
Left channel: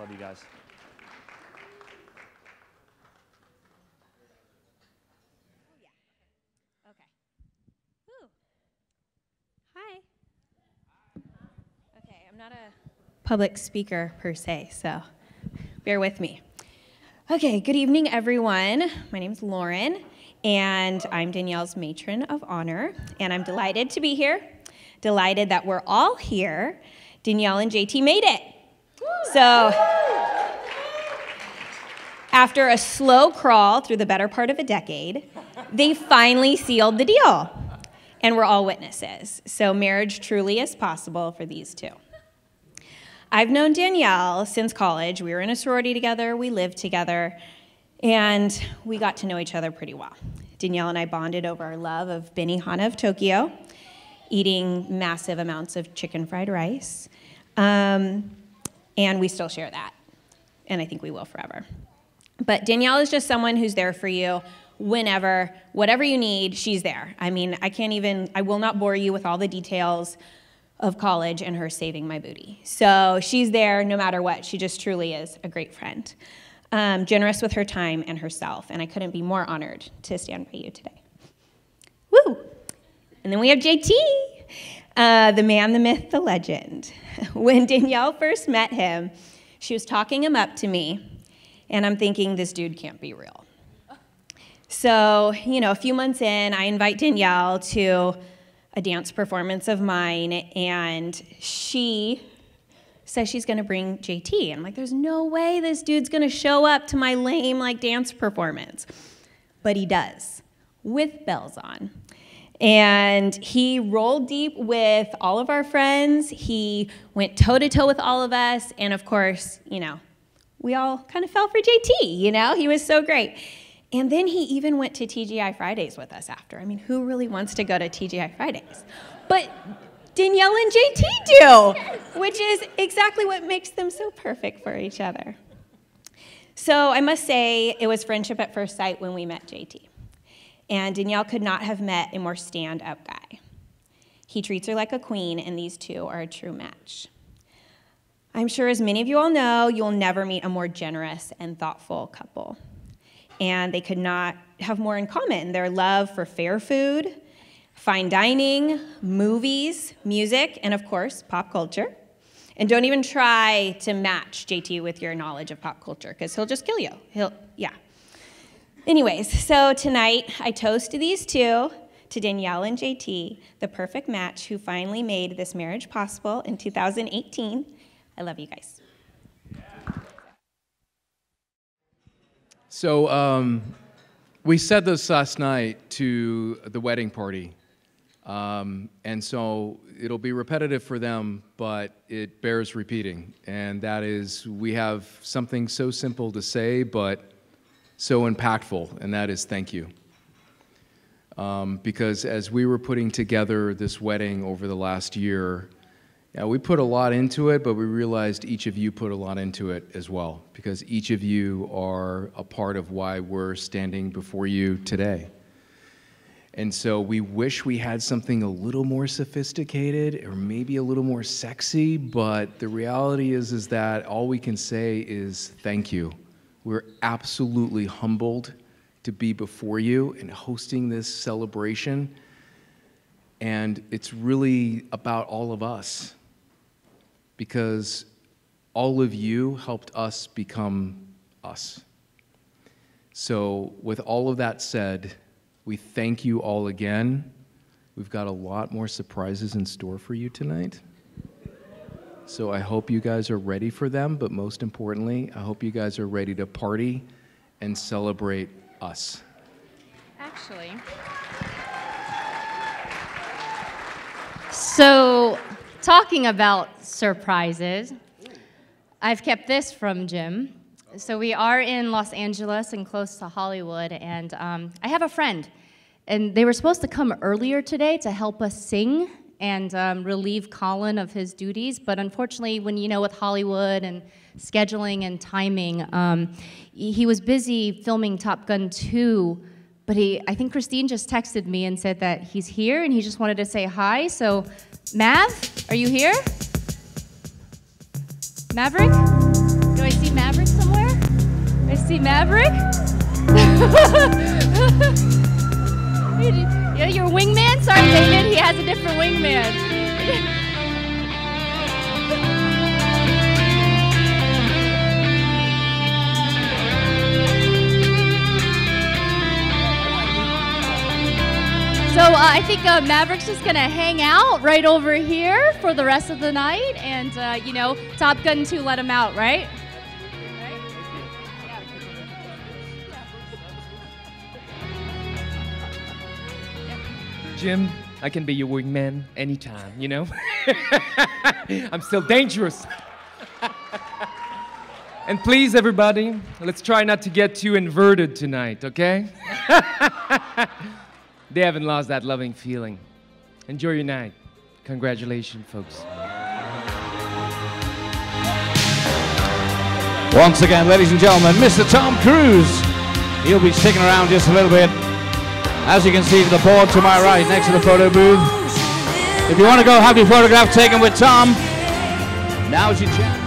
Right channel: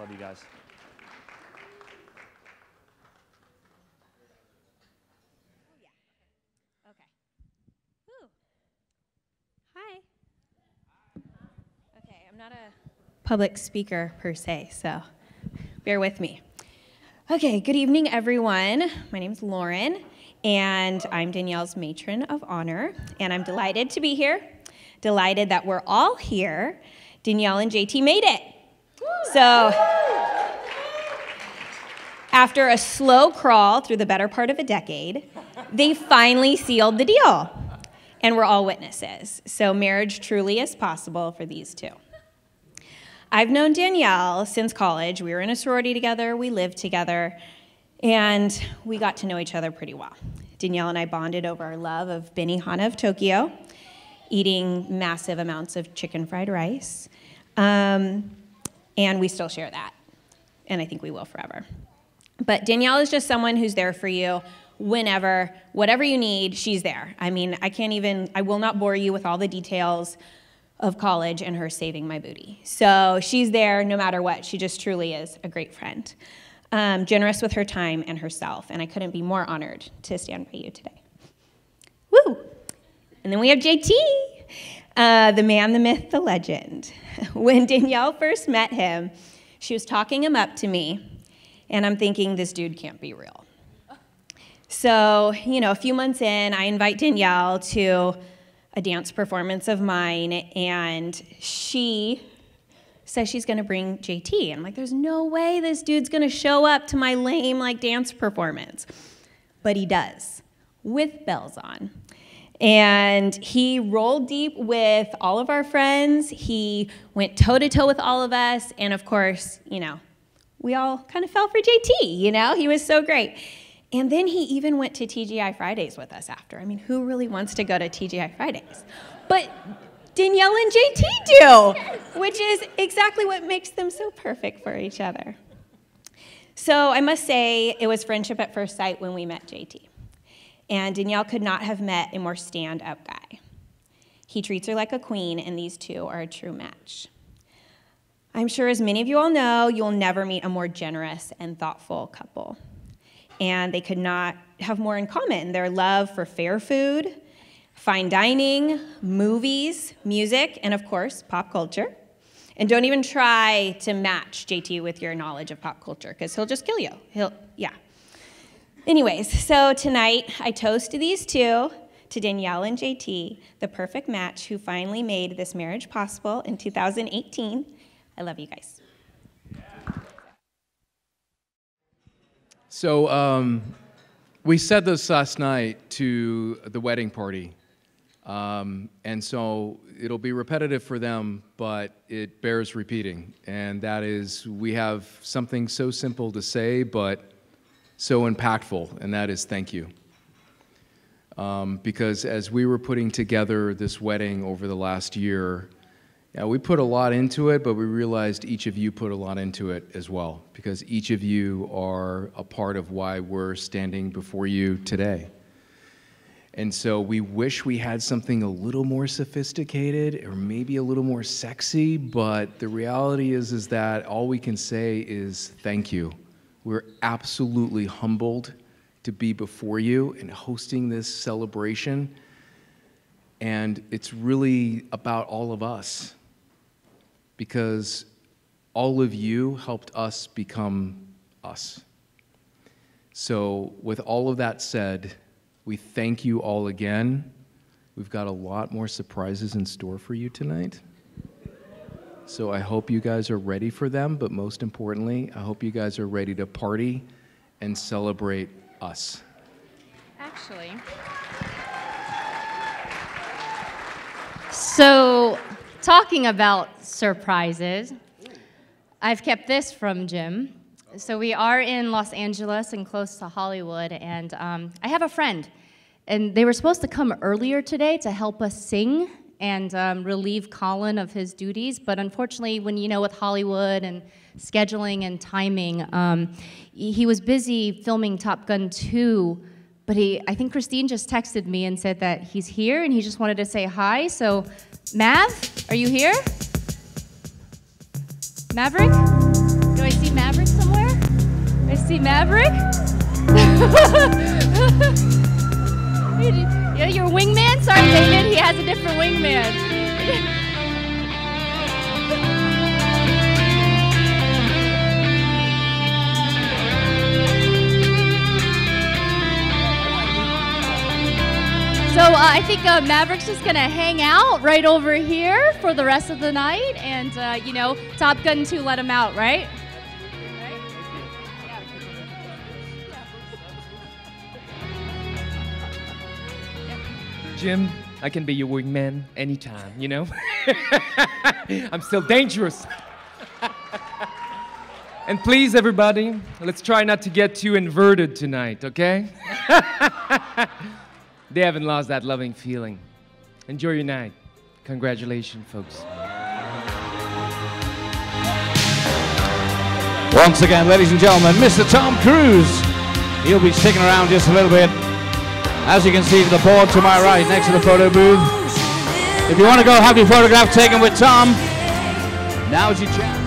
Love you guys. Okay. Ooh. Hi. Okay, I'm not a public speaker per se, so bear with me. Okay, good evening, everyone. My name's Lauren, and I'm Danielle's matron of honor, and I'm delighted to be here. Delighted that we're all here. Danielle and JT made it. So, after a slow crawl through the better part of a decade, they finally sealed the deal, and we're all witnesses. So marriage truly is possible for these two. I've known Danielle since college. We were in a sorority together, we lived together, and we got to know each other pretty well. Danielle and I bonded over our love of Benihana of Tokyo, eating massive amounts of chicken fried rice, and we still share that, and I think we will forever. But Danielle is just someone who's there for you whenever, whatever you need, she's there. I mean, I will not bore you with all the details of college and her saving my booty. So she's there no matter what. She just truly is a great friend. Generous with her time and herself, and I couldn't be more honored to stand by you today. Woo! And then we have JT, the man, the myth, the legend. When Danielle first met him, she was talking him up to me, and I'm thinking, this dude can't be real. So, a few months in, I invite Danielle to a dance performance of mine, and she says she's gonna bring JT. And I'm like, there's no way this dude's gonna show up to my lame, dance performance. But he does, with bells on. And he rolled deep with all of our friends. He went toe-to-toe with all of us. And of course, we all kind of fell for JT, He was so great. And then he even went to TGI Fridays with us after. I mean, who really wants to go to TGI Fridays? But Danielle and JT do, which is exactly what makes them so perfect for each other. So I must say, it was friendship at first sight when we met JT. And Danielle could not have met a more stand-up guy. He treats her like a queen, and these two are a true match. I'm sure as many of you all know, you'll never meet a more generous and thoughtful couple. And they could not have more in common. Their love for fair food, fine dining, movies, music, and of course, pop culture. And don't even try to match JT with your knowledge of pop culture, because he'll just kill you. Anyways, so tonight I toast to these two, to Danielle and JT, the perfect match who finally made this marriage possible in 2018. I love you guys. So we said this last night to the wedding party, and so it'll be repetitive for them, but it bears repeating, and that is we have something so simple to say, but so impactful, and that is thank you. Because as we were putting together this wedding over the last year, we put a lot into it, but we realized each of you put a lot into it as well, because each of you are a part of why we're standing before you today. And so we wish we had something a little more sophisticated or maybe a little more sexy, but the reality is that all we can say is thank you. We're absolutely humbled to be before you and hosting this celebration. And it's really about all of us, because all of you helped us become us. So with all of that said, we thank you all again. We've got a lot more surprises in store for you tonight. So I hope you guys are ready for them, but most importantly, I hope you guys are ready to party and celebrate us. Actually. So, talking about surprises, I've kept this from Jim. So we are in Los Angeles and close to Hollywood, and I have a friend, and they were supposed to come earlier today to help us sing and relieve Colin of his duties, but unfortunately, when you know with Hollywood and scheduling and timing, he was busy filming Top Gun 2, but I think Christine just texted me and said that he's here and he just wanted to say hi. So, Mav, are you here? Maverick? Do I see Maverick somewhere? I see Maverick? Yeah, your wingman? Sorry, David, he has a different wingman. So I think Maverick's just gonna hang out right over here for the rest of the night, and you know, Top Gun 2 let him out, right? Jim, I can be your wingman anytime, you know? I'm still dangerous. And please, everybody, let's try not to get too inverted tonight, okay? They haven't lost that loving feeling. Enjoy your night. Congratulations, folks. Once again, ladies and gentlemen, Mr. Tom Cruise. He'll be sticking around just a little bit. As you can see to the board to my right, next to the photo booth. If you want to go have your photograph taken with Tom, now's your chance.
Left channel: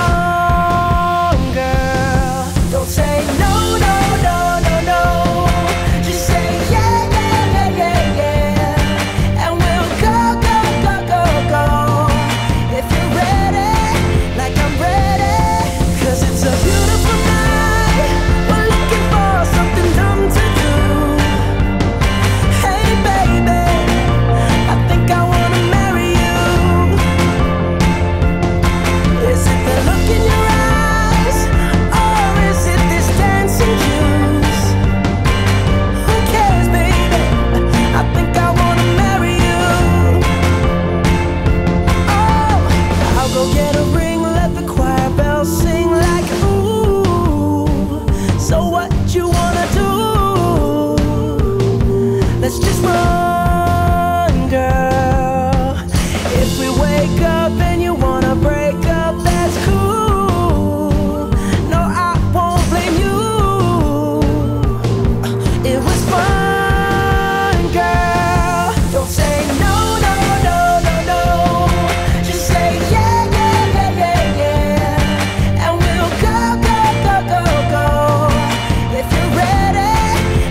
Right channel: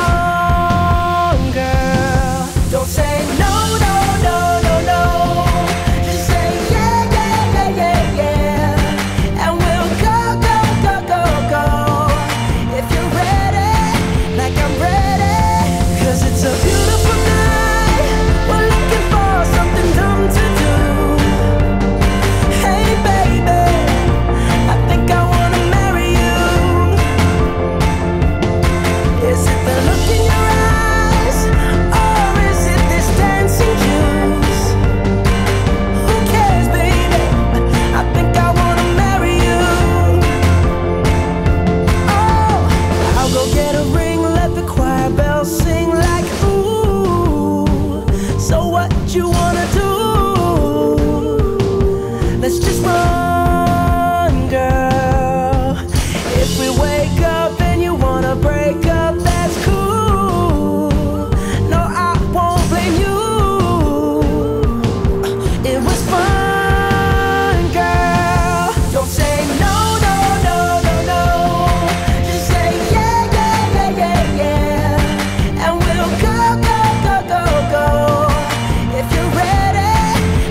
strong, girl. Don't say no, no, no, no, no. Just say yeah, yeah, yeah, yeah, yeah. And we'll go, go, go, go, go. If you're ready, like I'm ready. 'Cause it's a beautiful night. We're looking for something dumb to do. Hey baby, I think I wanna marry you. Is it the look in your eyes, or is it this dancing juice? Who cares, baby? I think I wanna marry you. Oh, I'll go get a ring, let the choir bells sing like ooh. So what you wanna do? Let's just run, girl. If we wake up and you wanna break up, that's cool. No, I won't blame you. It was fun, girl. Don't say no, no, no, no, no. Just say yeah, yeah, yeah, yeah, yeah. And we'll go, go, go, go, go. If you're ready,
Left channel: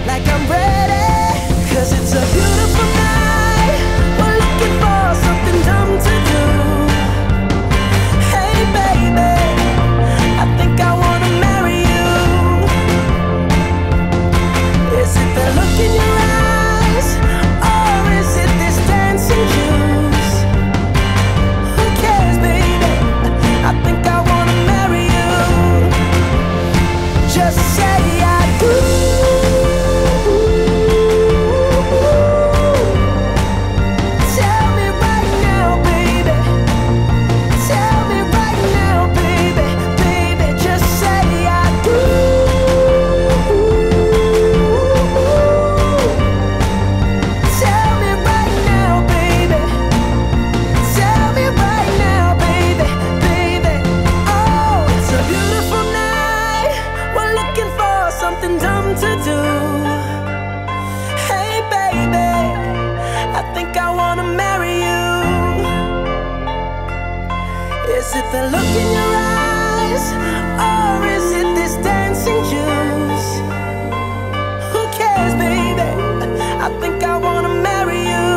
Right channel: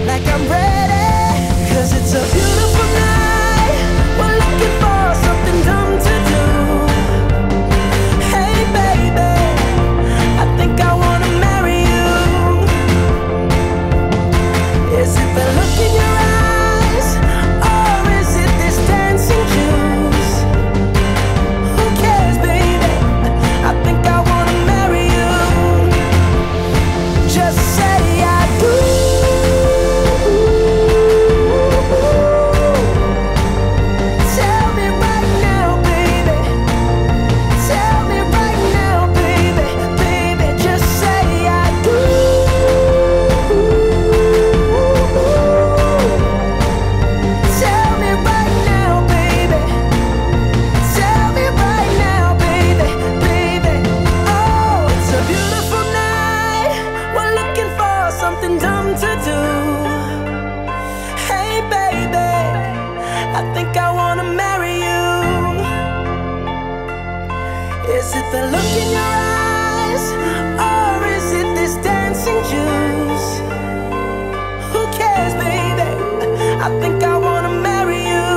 like I'm ready. 'Cause it's a beautiful night. We're looking for something dumb to do. Hey baby, I think I wanna marry you. Is it the look in your eyes, or is it this dancing juice? Who cares, baby? I think I wanna marry you. Just say I do. Tell me right now, baby. Tell me right now, baby. Baby, just say I do. Tell me right now, baby. Tell me right now, baby. Baby, oh, it's a beautiful night. We're looking for something dumb to do. Hey baby, I think I wanna marry you. Is it the look in your eyes, or is it this dancing juice? Who cares, baby? I think I wanna marry you.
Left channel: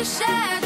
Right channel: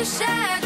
the shadows.